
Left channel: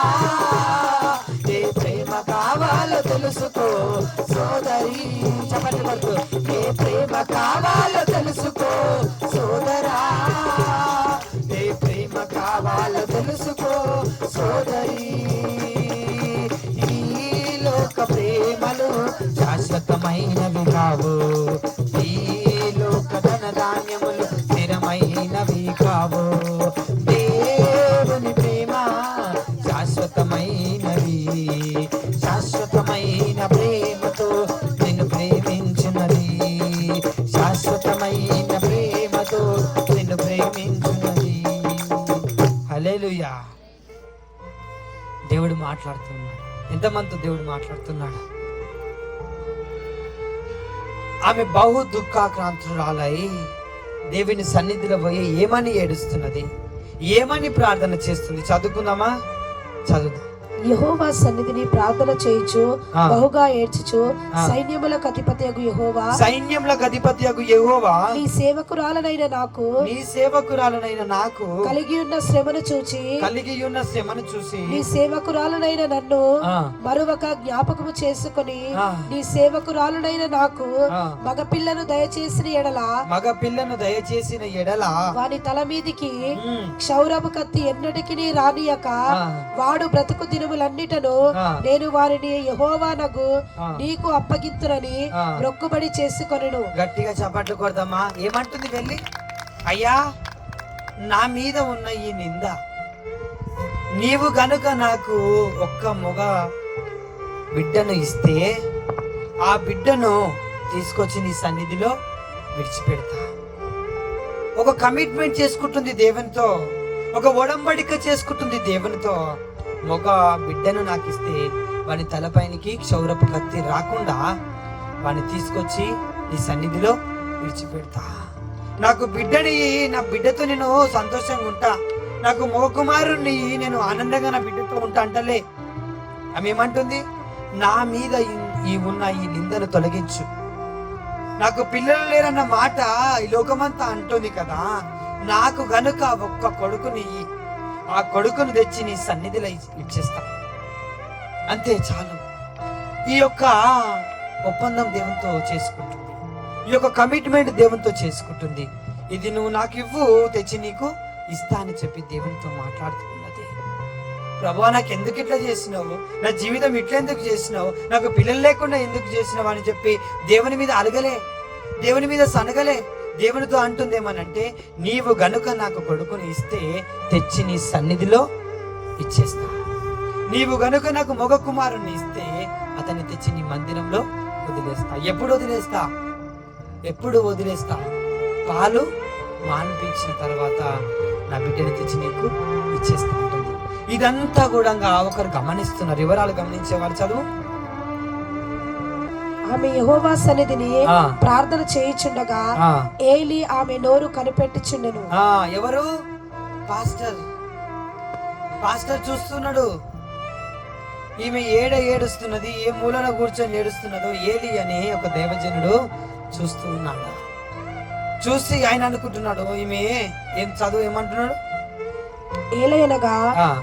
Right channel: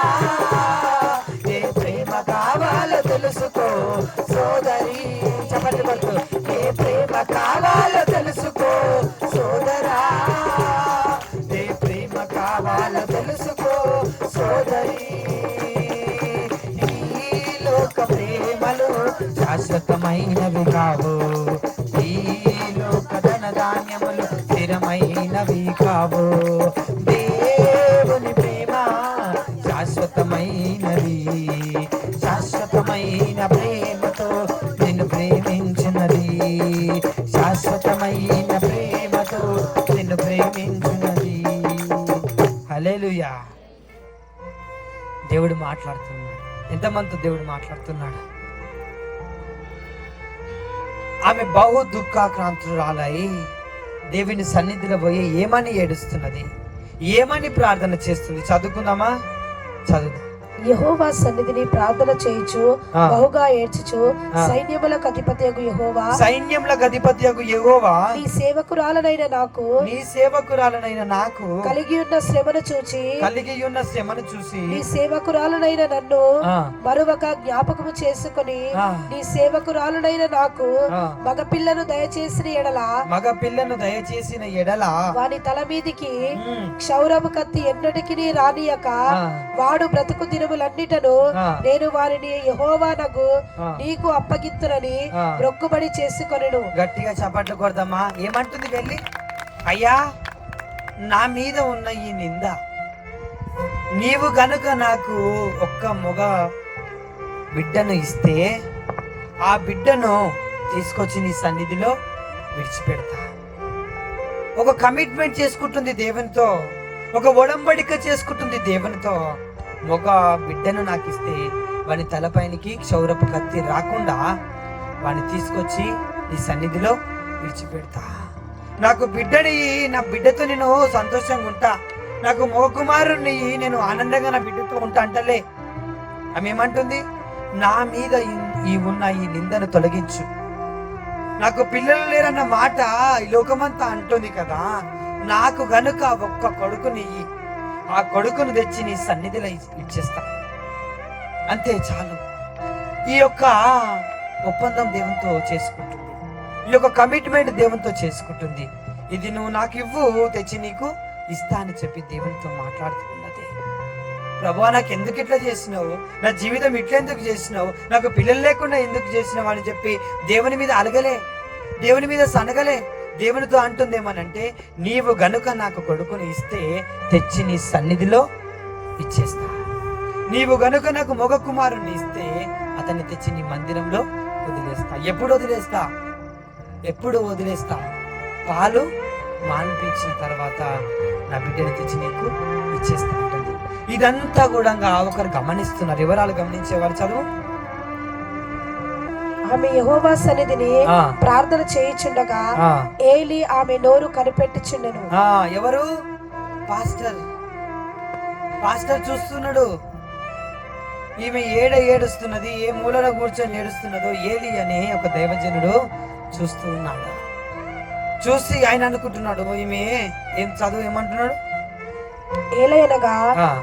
ఏ ప్రేమ కావాలో తెలుసుకో సోదరి. చెప్పండి కొడుకు, ఏ ప్రేమ కావాలో తెలుసుకో సోదరా, ఏ ప్రేమ కావాలో తెలుసుకో సోదరి. ఈ లోక ప్రేమలు శాశ్వతమైనవి కావు, ఈ లోక ధనధాన్యములు స్థిరమైనవి కావు. దేవుని ప్రేమ శాశ్వతమైనవి, శాశ్వతమైన ప్రేమతో నిన్ను ప్రేమించినది, శాశ్వతమైన ప్రేమతో నిన్ను ప్రేమించినది. హల్లెలూయా. దేవుడు మాట్లాడుతున్నాడు. ఎంతమంది దేవుడు మాట్లాడుతున్నాడు? ఆమె బహు దుఃఖాక్రాంతురాలై దేవుని సన్నిధిలో పోయి ఏమని ఏడుస్తున్నది, ఏమని ప్రార్థన చేస్తుంది? చదువుకుందామా? చదువుదాం. యెహోవా సన్నిధిని ప్రార్థన చేయుచు బహుగా ఏడ్చుచు, సైన్యములకు అధిపతియగు యెహోవా, సైన్యములకు అధిపతియగు యెహోవా, నీ సేవకురాలనైన నాకు, నీ సేవకురాలనైన నాకు కలిగి ఉన్న శ్రమను చూచి, కలిగి ఉన్న శ్రమను చూసి, నీ సేవకురాలనైన నన్ను మరొక జ్ఞాపకము చేసుకుని, నీ సేవకురాలనైన నాకు మగపిల్లను దయచేసిన ఎడల, మగపిల్లను దయచేసిన ఎడల వాని తల మీదికి క్షౌరము కత్తి ఎన్నటికి రానియక వాడు బ్రతుకు దినములన్నిటను నేను వారిని యెహోవానగు నీకు అప్పగింతునని మొక్కుబడి చేసుకొనెను. గట్టిగా చప్పట్లు కొడదామా? ఏమంటుంది వెళ్ళి? అయ్యా, నా మీద ఉన్న ఈ నింద నీవు గనుక నాకు ఒక్క మగ బిడ్డను ఇస్తే ఆ బిడ్డను తీసుకొచ్చి నీ సన్నిధిలో విడిచిపెడతా. ఒక కమిట్మెంట్ చేసుకుంటుంది దేవునితో, ఒక ఒడంబడిక చేసుకుంటుంది దేవునితో. ఒక బిడ్డను నాకు ఇస్తే వాని తలపైనికి క్షౌరపు కత్తి రాకుండా వాడిని తీసుకొచ్చి నీ సన్నిధిలో విడిచిపెడతా. నాకు బిడ్డని, నా బిడ్డతో నేను సంతోషంగా ఉంటా, నాకు మగ కుమారుణ్ణి నేను ఆనందంగా నా బిడ్డతో ఉంటా అంటలే. ఆమె ఏమంటుంది? నా మీద ఉన్న ఈ నిందను తొలగించు. నాకు పిల్లలు లేరన్న మాట ఈ లోకమంతా అంటుంది కదా, నాకు గనుక ఒక్క కొడుకుని, ఆ కొడుకును తెచ్చి నీ సన్నిధిలో ఇచ్చేస్తా, అంతే చాలు. ఈ యొక్క ఒప్పందం దేవునితో చేసుకుంటుంది, ఈ యొక్క కమిట్మెంట్ దేవునితో చేసుకుంటుంది. ఇది నువ్వు నాకు ఇవ్వు, తెచ్చి నీకు ఇస్తా అని చెప్పి దేవునితో మాట్లాడుతున్నది. ప్రభా, నాకు ఎందుకు ఇట్లా చేసినావు, నా జీవితం ఇట్లా ఎందుకు చేసినావు, నాకు పిల్లలు లేకుండా ఎందుకు చేసినావు అని చెప్పి దేవుని మీద అడగలే, దేవుని మీద సనగలే. దేవునితో అంటుందేమనంటే, నీవు గనుక నాకు కొడుకుని ఇస్తే తెచ్చి నీ సన్నిధిలో ఇచ్చేస్తా. నీవు గనుక నాకు మగ కుమారుని ఇస్తే అతన్ని తెచ్చి నీ మందిరంలో వదిలేస్తా. ఎప్పుడు వదిలేస్తా? పాలు మాన్పించిన తర్వాత నా బిడ్డని తెచ్చి నీకు ఇచ్చేస్తా ఉంటుంది. ఇదంతా కూడా ఒకరు గమనిస్తున్నారు. వివరాలు గమనించేవారు చదువు. ఆమె యెహోవా సన్నిధిని ప్రార్థన చేయుచుండగా ఏలి ఆమె నోరు కనిపెట్టుచుండెను. ఎవరు? పాస్టర్ చూస్తున్నాడు. ఈమె ఏడుస్తున్నది, ఏ మూలలో కూర్చొని ఏడుస్తున్నదో ఏలి అనే ఒక దైవజనుడు చూస్తూ ఉన్నాడు. చూసి ఆయన అనుకుంటున్నాడు, ఈమె ఏం చదువు ఏమంటున్నాడు? ఏలయనగా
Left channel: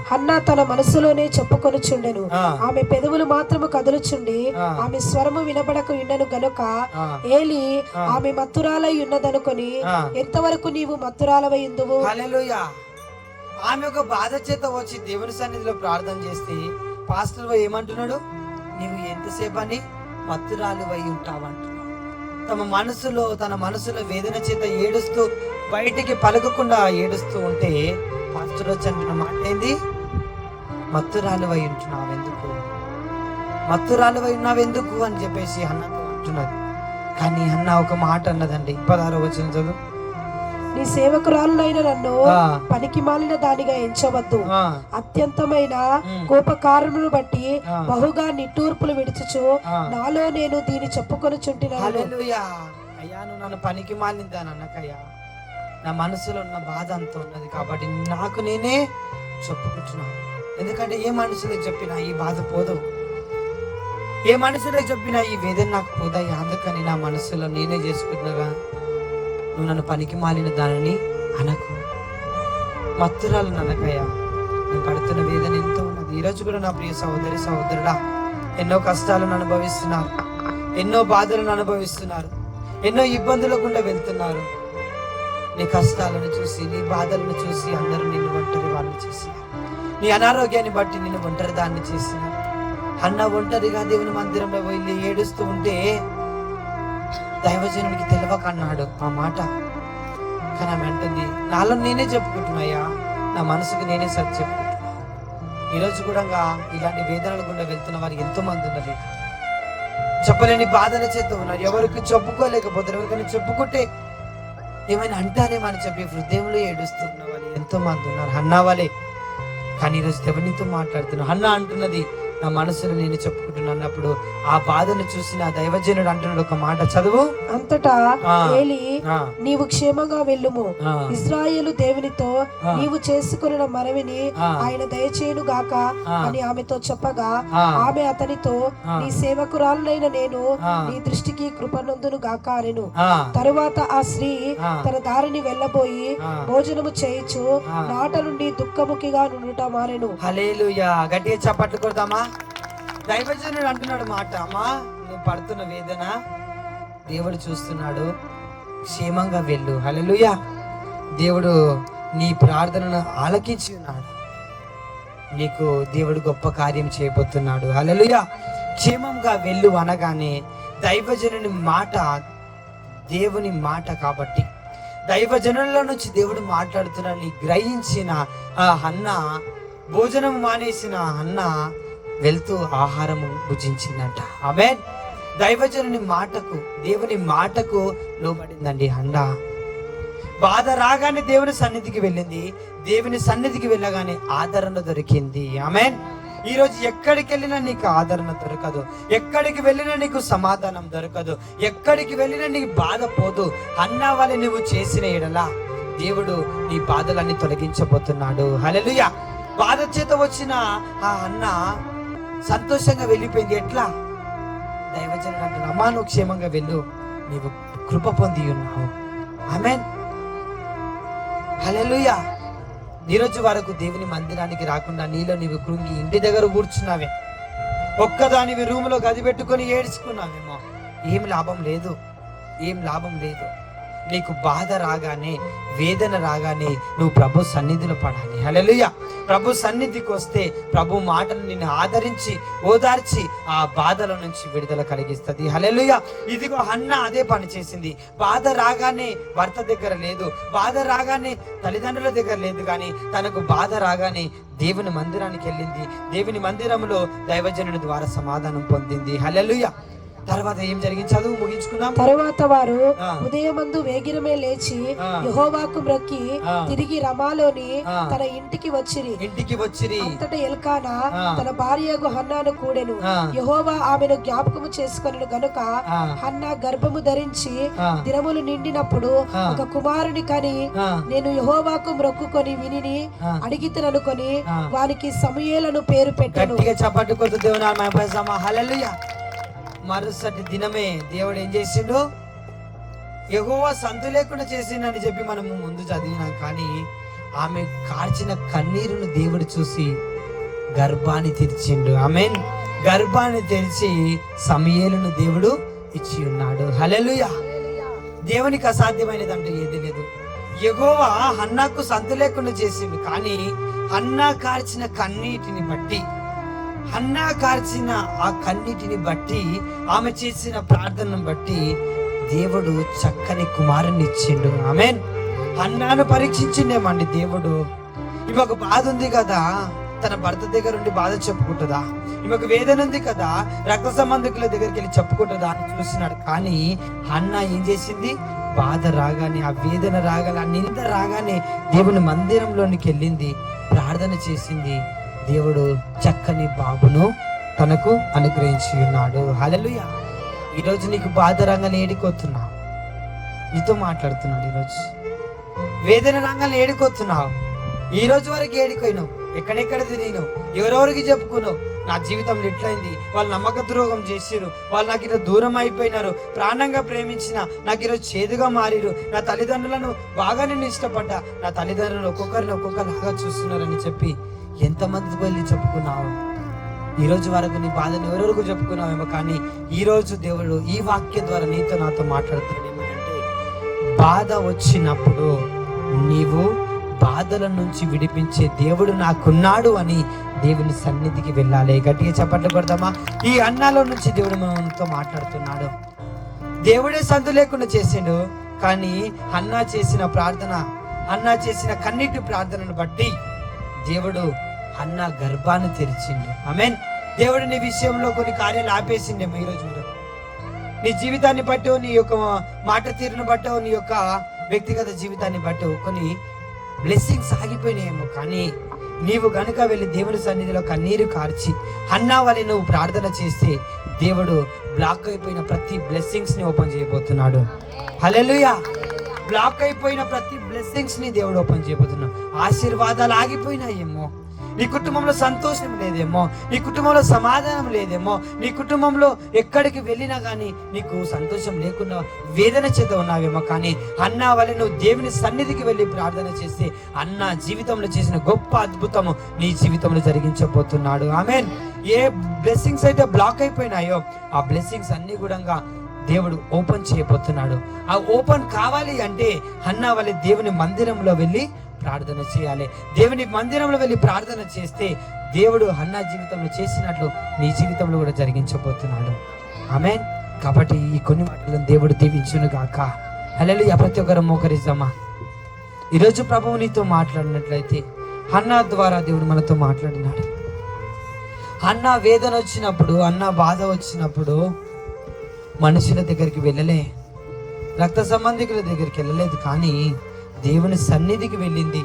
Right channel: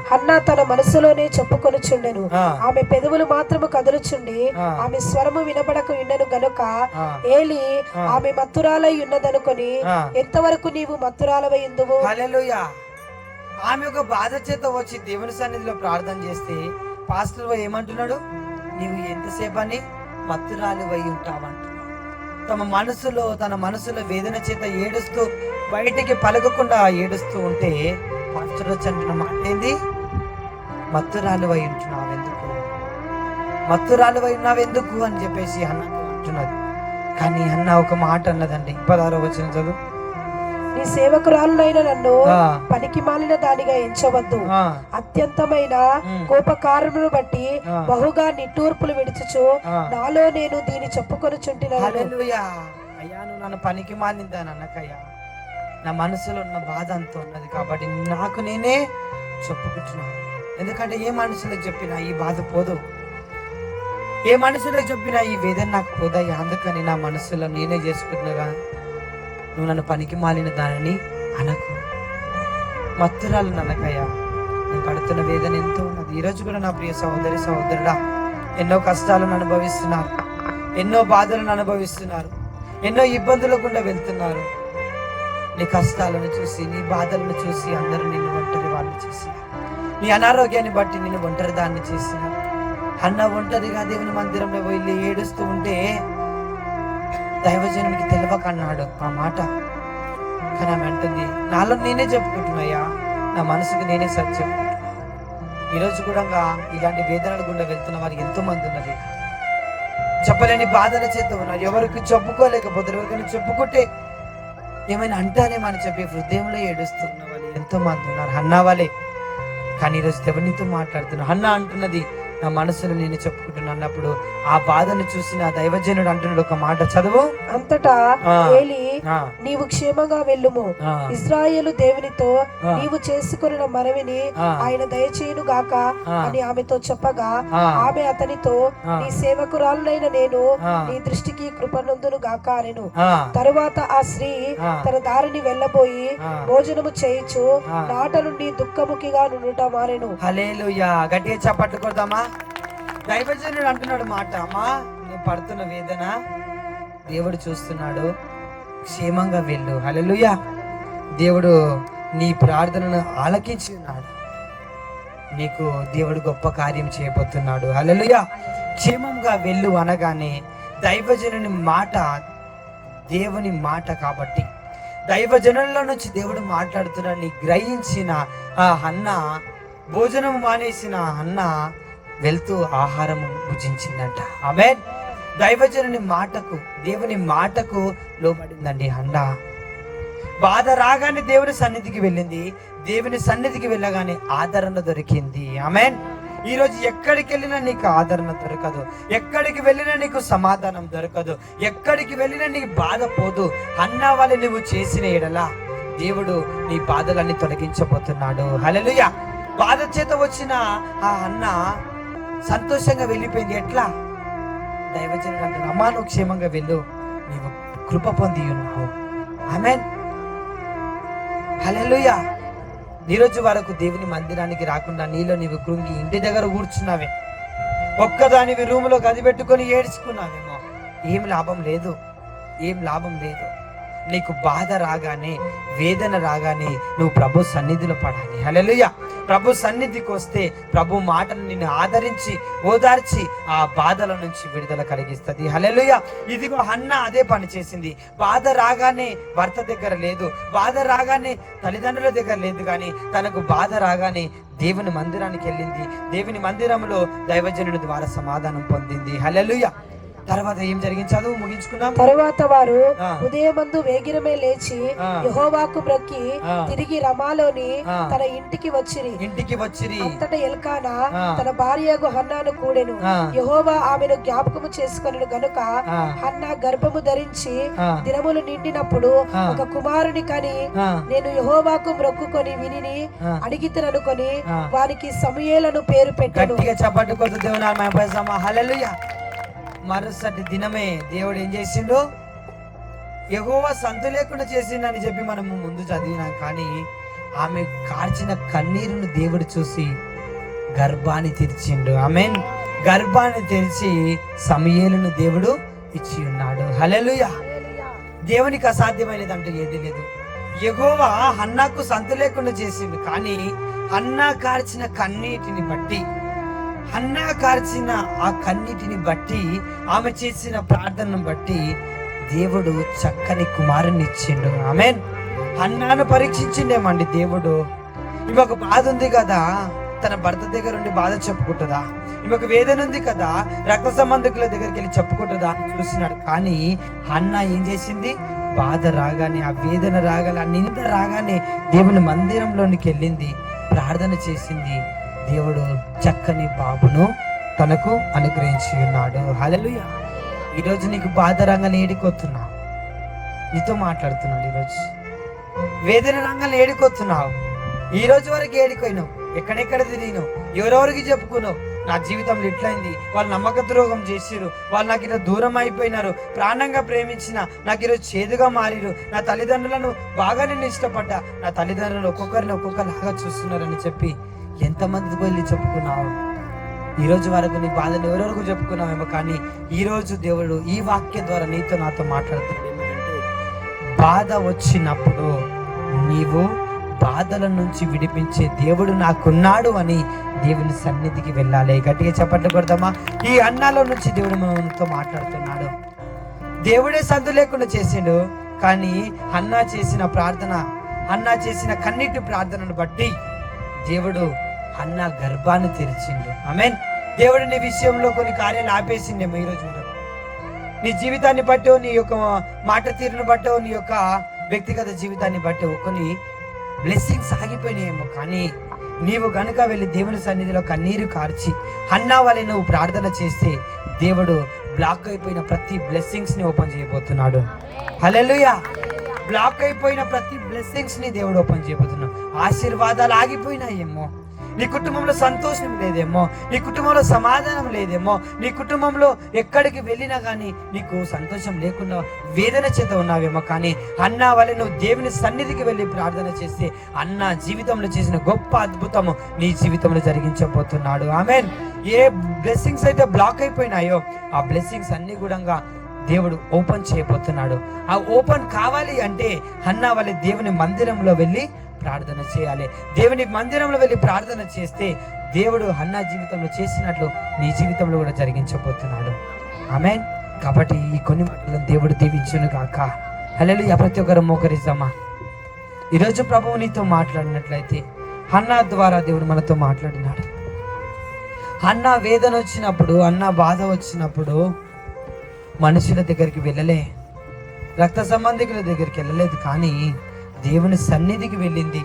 హన్నా తన మనసులోనే చెప్పుకొనుచుండెను, ఆమె పెదవులు మాత్రము కదులుచుండి ఆమె స్వరము వినబడక ఉండెను గనుక ఏలి ఆమె మత్తురాలై ఉన్నదనుకొని, ఎంతవరకు నీవు మత్తురాలవై ఉందువు? హల్లెలూయా. ఆమె ఒక బాధ చేత వచ్చి దేవుని సన్నిధిలో ప్రార్థన చేస్తే పాస్టర్ ఏమంటున్నాడు? నీవు ఎంతసేపు అని మత్తురాలివై ఉంటావంటున్నాడు. తన మనసులో వేదన చేత ఏడుస్తూ బయటికి పలకకుండా ఏడుస్తూ ఉంటే పాస్టర్ వచ్చి అంటున్న మాట ఏంది? మత్తురాలివై ఉన్నావెందుకు అని చెప్పేసి అన్నతో అంటున్నది. కానీ అన్న ఒక మాట అన్నదండి. 16వ వచనం చదువు. నీ సేవకురాలునైన నన్ను పనికి మాలిన దానిగా ఎంచవద్దు, అత్యంతమైన కోపకారణను బట్టి బహుగా నిట్టూర్పులు విడిచుచు నాలో నేను దీన్ని చెప్పుకొనుచుంటున్నాను. హల్లెలూయా. అయ్యా, నువ్వు నన్ను పనికి మాలిందాను అనకయ్యా, నా మనసులో ఉన్న బాధ అంత ఉన్నది కాబట్టి నాకు నేనే చెప్పుకుంటున్నాను. ఎందుకంటే ఏ మనుషులకు చెప్పినా ఈ బాధ పోదు, ఏ మనుషులకు చెప్పినా ఈ వేదన నాకు పోదయ్యా. అందుకని నా మనసులో నేనే చేసుకుంటున్నాగా. నువ్వు నన్ను పనికి మాలిన దానిని అనకు, మత్తురాలు అనకయ్యా. నేను పడుతున్న వేదన ఎంతో ఉన్నది. ఈరోజు కూడా నా ప్రియ సహోదరుడా, ఎన్నో కష్టాలను అనుభవిస్తున్నారు, ఎన్నో బాధలను అనుభవిస్తున్నారు, ఎన్నో ఇబ్బందుల గుండా వెళ్తున్నారు. నీ కష్టాలను చూసి, నీ బాధలను చూసి అందరూ నిన్ను ఒంటరి వాడిని చేసినారు. నీ అనారోగ్యాన్ని బట్టి నిన్ను ఒంటరి దాన్ని చేసినారు. అన్న ఒంటరిగా దేవుని మందిరంలో వెళ్ళి ఏడుస్తూ ఉంటే దైవజనునికి తెలియక అన్నాడు ఆ మాట. కానీ ఆమె అంటుంది, నాలో నేనే చెప్పుకుంటున్నాయా, నా మనసుకు నేనే సరి చెప్పుకుంటున్నా. ఈరోజు కూడా ఇలాంటి వేదనల గుండా వెళ్తున్న వారికి ఎంతో మంది ఉన్నది. చెప్పలేని బాధల చేత ఉన్నారు. ఎవరికి చెప్పుకోలేకపోతారు. ఎవరికైనా చెప్పుకుంటే ఏమైనా అంటారేమని చెప్పి హృదయంలో ఏడుస్తున్న వాళ్ళు ఎంతో మంది ఉన్నారు. హన్నా వాళ్ళే. కానీ ఈరోజు దేవునితో మాట్లాడుతున్నా. హన్నా అంటున్నది, నా మనసులో నేను చెప్పుకుంటున్నా అన్నప్పుడు ఆ బాధను చూసి నా దైవజనుడు అంటున్నాడు ఒక మాట చదువు. అంతటా ఏలి, నీవు క్షేమంగా వెళ్ళుము, ఇశ్రాయేలు దేవునితో నీవు చేసుకున్న మనవిని ఆయన దయచేయును గాక అని ఆమెతో చెప్పగా ఆమె అతనితో, నీ సేవకురాలైన నేను నీ దృష్టికి కృపనందును గాక అనెను. తరువాత ఆ స్త్రీ తన దారిని వెళ్ళబోయి భోజనము చేయించు నాట నుండి దుఃఖముఖిగా నుండుట మారెను. హల్లెలూయా. గట్టిగా చప్పట్లు కొడదామా? దైవజనుడు అంటున్నాడు మాట, అమ్మా నువ్వు పడుతున్న వేదన దేవుడు చూస్తున్నాడు, క్షేమంగా వెళ్ళు. హల్లెలూయా. దేవుడు నీ ప్రార్థనను ఆలకించి ఉన్నాడు. నీకు దేవుడు గొప్ప కార్యం చేయబోతున్నాడు. హల్లెలూయా. క్షేమంగా వెళ్ళు అనగానే దైవజనుని మాట దేవుని మాట కాబట్టి, దైవజనుల నుంచి దేవుడు మాట్లాడుతున్నాడని గ్రహించిన ఆ హన్న, భోజనం మానేసిన హన్న వెళ్తూ ఆహారం భుజించిందంట. ఆమేన్. దైవజనుని మాటకు, దేవుని మాటకు లోబడిందండి హన్నా. బాధ రాగానే దేవుని సన్నిధికి వెళ్ళింది. దేవుని సన్నిధికి వెళ్ళగానే ఆదరణ దొరికింది. ఆమేన్. ఈ రోజు ఎక్కడికి వెళ్ళినా నీకు ఆదరణ దొరకదు, ఎక్కడికి వెళ్ళినా నీకు సమాధానం దొరకదు, ఎక్కడికి వెళ్ళినా నీకు బాధ పోదు. అన్నా వలె నువ్వు చేసిన ఎడలా దేవుడు నీ బాధలన్నీ తొలగించబోతున్నాడు. హల్లెలూయా. బాధ చేత వచ్చిన ఆ అన్న సంతోషంగా వెళ్ళిపోయింది. ఎట్లా? దైవజనుడు అంటున్నా, అమ్మా నువ్వు క్షేమంగా వెళ్ళు, నీవు కృప పొంది ఉన్నావు. ఆమేన్. హల్లెలూయా. ఈరోజు వరకు దేవుని మందిరానికి రాకుండా నీలో నీవు కృంగి ఇంటి దగ్గర కూర్చున్నావే, ఒక్కదానివి రూములో గది పెట్టుకొని ఏడ్చుకున్నావేమో. ఏం లాభం లేదు, ఏం లాభం లేదు. నీకు బాధ రాగానే, వేదన రాగానే నువ్వు ప్రభు సన్నిధిలో పడాలి. హల్లెలూయా. ప్రభు సన్నిధికి వస్తే ప్రభు మాటను నిన్ను ఆదరించి ఓదార్చి ఆ బాధల నుంచి విడుదల కలిగిస్తుంది. హల్లెలూయా. ఇదిగో హన్నా అదే పని చేసింది. బాధ రాగానే భర్త దగ్గర లేదు, బాధ రాగానే తల్లిదండ్రుల దగ్గర లేదు, కానీ తనకు బాధ రాగానే దేవుని మందిరానికి వెళ్ళింది. దేవుని మందిరంలో దైవజనుడి ద్వారా సమాధానం పొందింది. హల్లెలూయా. తర్వాత ఏం జరిగింది? చదువు ముగించుకున్నాం. తరువాత వారు ఉదయమందు వేగిరమే లేచి యెహోవాకు మ్రొక్కి తిరిగి రమాలోని తన ఇంటికి వచ్చిరి. అంతటా ఎల్కానా తన భార్యకు హన్నాను కూడెను. యెహోవా ఆమెను జ్ఞాపకము చేసుకొనెను గనుక హన్నా గర్భము ధరించి దినములు నిండినప్పుడు ఒక కుమారుని కని, నేను యెహోవాకు మ్రొక్కుకొని విని అడిగితననుకొని వానికి సమూయేలను పేరు పెట్టెను. హల్లెలూయా. మరుసటి దినమే దేవుడు ఏం చేసిండు? యెహోవా సంతు లేకుండా చేసిండని చెప్పి మనము ముందు చదివినాం. కానీ ఆమె కార్చిన కన్నీరును దేవుడు చూసి గర్భాన్ని తెరిచిండు. ఆమేన్. గర్భాన్ని తెరిచి సమూయేలును దేవుడు ఇచ్చి ఉన్నాడు. హల్లెలూయా. దేవునికి అసాధ్యమైనది అంటూ ఏది లేదు. యెహోవా హన్నాకు సంతు లేకుండా చేసిండు, కానీ హన్నా కార్చిన కన్నీటిని బట్టి, హన్నా కార్చిన ఆ కన్నీటిని బట్టి, ఆమె చేసిన ప్రార్థనను బట్టి దేవుడు చక్కని కుమారుని ఇచ్చిండు. ఆమేన్. హన్నాను పరీక్షించిండేమండి దేవుడు. ఈమెకు బాధ ఉంది కదా, తన భర్త దగ్గర ఉండి బాధ చెప్పుకుంటుందా? ఈమెకు వేదన ఉంది కదా, రక్త సంబంధికుల దగ్గరికి వెళ్ళి చెప్పుకుంటుందా అని చూసినాడు. కానీ హన్నా ఏం చేసింది? బాధ రాగానే, ఆ వేదన రాగానే, ఆ నింద రాగానే దేవుని మందిరంలోనికి వెళ్ళింది, ప్రార్థన చేసింది. దేవుడు చక్కని బాబును తనకు అనుగ్రహించి ఉన్నాడు. హల్లెలూయా. ఈరోజు నీకు బాధ రంగాన్ని ఏడికొస్తున్నావు, నీతో మాట్లాడుతున్నాడు. ఈరోజు వేదన రంగాన్ని ఏడికొస్తున్నావు. ఈ రోజు వరకు ఏడిపోయినావు, ఎక్కడెక్కడ తిరిగినావు, ఎవరెవరికి చెప్పుకున్నావు, నా జీవితంలో ఎట్లయింది, వాళ్ళు నమ్మక ద్రోహం చేసిరు, వాళ్ళు నాకు ఈరోజు దూరం అయిపోయినారు, ప్రాణంగా ప్రేమించిన నాకు ఈరోజు చేదుగా మారిరు, నా తల్లిదండ్రులను బాగా నిన్ను ఇష్టపడ్డా, నా తల్లిదండ్రులు ఒక్కొక్కరిలాగా చూస్తున్నారని చెప్పి ఎంతమంది వెళ్ళి చెప్పుకున్నావు? ఈ రోజు వరకు నీ బాధను ఎవరెవరికి చెప్పుకున్నావేమో, కానీ ఈ రోజు దేవుడు ఈ వాక్యం ద్వారా నీతో నాతో మాట్లాడుతున్నాడు. ఏమనంటే, బాధ వచ్చినప్పుడు నీవు బాధల నుంచి విడిపించే దేవుడు నాకున్నాడు అని దేవుని సన్నిధికి వెళ్ళాలి. గట్టిగా చప్పట్లు కొడతామా? ఈ అన్నాలో నుంచి దేవుడు మనతో మాట్లాడుతున్నాడు. దేవుడే సంతు లేకుండా చేసిండు, కానీ అన్నా చేసిన ప్రార్థన, అన్నా చేసిన కన్నీటి ప్రార్థనను బట్టి దేవుడు అన్నా గర్భాన్ని తెరిచిండు. ఆమేన్. దేవుడు నీ విషయంలో కొన్ని కార్యాలు ఆపేసిండేమో ఈరోజు కూడా. నీ జీవితాన్ని బట్టో, నీ యొక్క మాట తీరును బట్టో, నీ యొక్క వ్యక్తిగత జీవితాన్ని బట్టో కొన్ని బ్లెస్సింగ్స్ ఆగిపోయినాయేమో, కానీ నీవు గనుక వెళ్ళి దేవుని సన్నిధిలో కన్నీరు కార్చి అన్నా వలె నువ్వు ప్రార్థన చేస్తే దేవుడు బ్లాక్ అయిపోయిన ప్రతి బ్లెస్సింగ్స్ ని ఓపెన్ చేయబోతున్నాడు. హల్లెలూయా. బ్లాక్ అయిపోయిన ప్రతి బ్లెస్సింగ్స్ ని దేవుడు ఓపెన్ చేయబోతున్నాడు. ఆశీర్వాదాలు ఆగిపోయినాయేమో, నీ కుటుంబంలో సంతోషం లేదేమో, నీ కుటుంబంలో సమాధానం లేదేమో, నీ కుటుంబంలో ఎక్కడికి వెళ్ళినా కానీ నీకు సంతోషం లేకుండా వేదన చేత ఉన్నావేమో, కానీ అన్నా వలె నువ్వు దేవుని సన్నిధికి వెళ్ళి ప్రార్థన చేస్తే అన్నా జీవితంలో చేసిన గొప్ప అద్భుతము నీ జీవితంలో జరిగించబోతున్నాడు. ఆమేన్. ఏ బ్లెస్సింగ్స్ అయితే బ్లాక్ అయిపోయినాయో ఆ బ్లెస్సింగ్స్ అన్ని కూడా దేవుడు ఓపెన్ చేయబోతున్నాడు. ఆ ఓపెన్ కావాలి అంటే హన్నా వలె దేవుని మందిరంలో వెళ్ళి ప్రార్థన చేయాలి. దేవుని మందిరంలో వెళ్ళి ప్రార్థన చేస్తే దేవుడు హన్నా జీవితంలో చేసినట్లు నీ జీవితంలో కూడా జరిగించబోతున్నాడు. ఆమేన్. కాబట్టి ఈ కొన్ని మాటలను దేవుడు దీవించును గాక. హల్లెలూయా. ప్రతి ఒక్కరు మోకరిద్దామా? ఈరోజు ప్రభువు నీతో మాట్లాడినట్లయితే హన్నా ద్వారా దేవుడు మనతో మాట్లాడినాడు. హన్నా వేదన వచ్చినప్పుడు, హన్నా బాధ వచ్చినప్పుడు మనుషుల దగ్గరికి వెళ్ళలే, రక్త సంబంధికుల దగ్గరికి వెళ్ళలేదు, కానీ దేవుని సన్నిధికి వెళ్ళింది.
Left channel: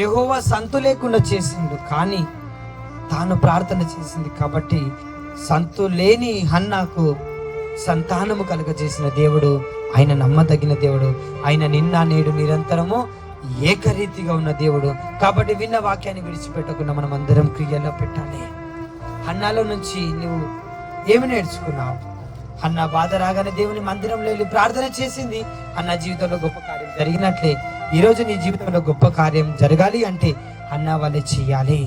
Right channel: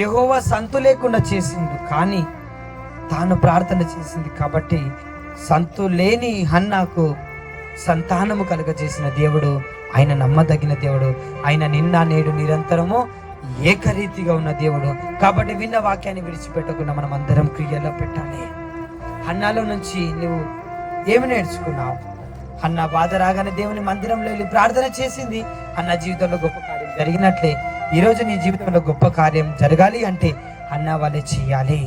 యెహోవా సంతు లేకుండా చేసిండు, కానీ తాను ప్రార్థన చేసింది. కాబట్టి సంతు లేని హన్నాకు సంతానము కలుగజేసిన దేవుడు ఆయన నమ్మదగిన దేవుడు. ఆయన నిన్న నేడు నిరంతరము ఏకరీతిగా ఉన్న దేవుడు. కాబట్టి విన్న వాక్యాన్ని విడిచిపెట్టకుండా మనం అందరం క్రియలో పెట్టాలి. హన్నాలో నుంచి నువ్వు ఏమి నేర్చుకున్నావు? అన్న బాధ రాగానే దేవుని మందిరంలో వెళ్ళి ప్రార్థన చేసింది. అన్న జీవితంలో గొప్ప కార్యం జరిగినట్లే ఈరోజు నీ జీవితంలో గొప్ప కార్యం జరగాలి అంటే అన్న వాళ్ళే చెయ్యాలి.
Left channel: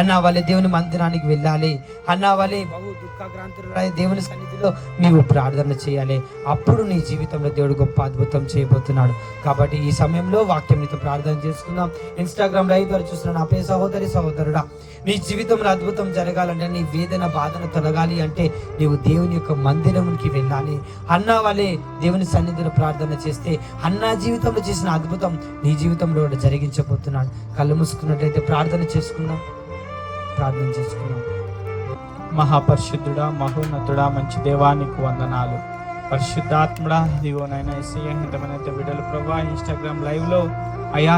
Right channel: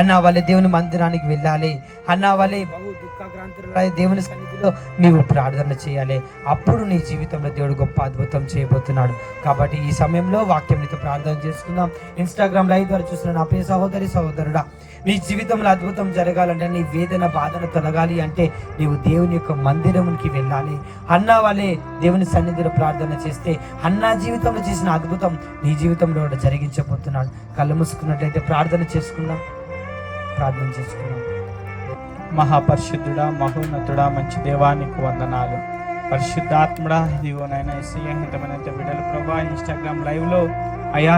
అన్న వాళ్ళే దేవుని మందిరానికి వెళ్ళాలి. అన్న వాళ్ళే బహు దుఃఖాక్రాంతులై దేవుని సన్నిధిలో నీవు ప్రార్థన చేయాలి. అప్పుడు నీ జీవితంలో దేవుడు గొప్ప అద్భుతం చేయబోతున్నాడు. కాబట్టి ఈ సమయంలో వాక్యం నీతో ప్రార్థన చేసుకుందాం. ఇన్స్టాగ్రామ్ లైవ్ ద్వారా చూస్తున్న నా ప్రియ సహోదరి సహోదరుడా, నీ జీవితంలో అద్భుతం జరగాలంటే, నీ వేదన బాధను తొలగాలి అంటే నీవు దేవుని యొక్క మందిరంకి వెళ్ళాలి. అన్నా వాళ్ళే దేవుని సన్నిధిలో ప్రార్థన చేస్తే అన్నా జీవితంలో చేసిన అద్భుతం నీ జీవితంలో కూడా జరిగించబోతున్నాడు. కళ్ళు మూసుకున్నట్లయితే ప్రార్థన చేసుకుందాం. మహాపరిశుద్ధుడా, మహోన్నతుడా, మంచి దేవానికి వందనాలు. పరిశుద్ధాత్ముడా, ఇదిగోనైనా యేసయ్య ఇంతమంది బిడ్డలు ప్రభా ఇన్స్టాగ్రామ్ లైవ్ లో అయా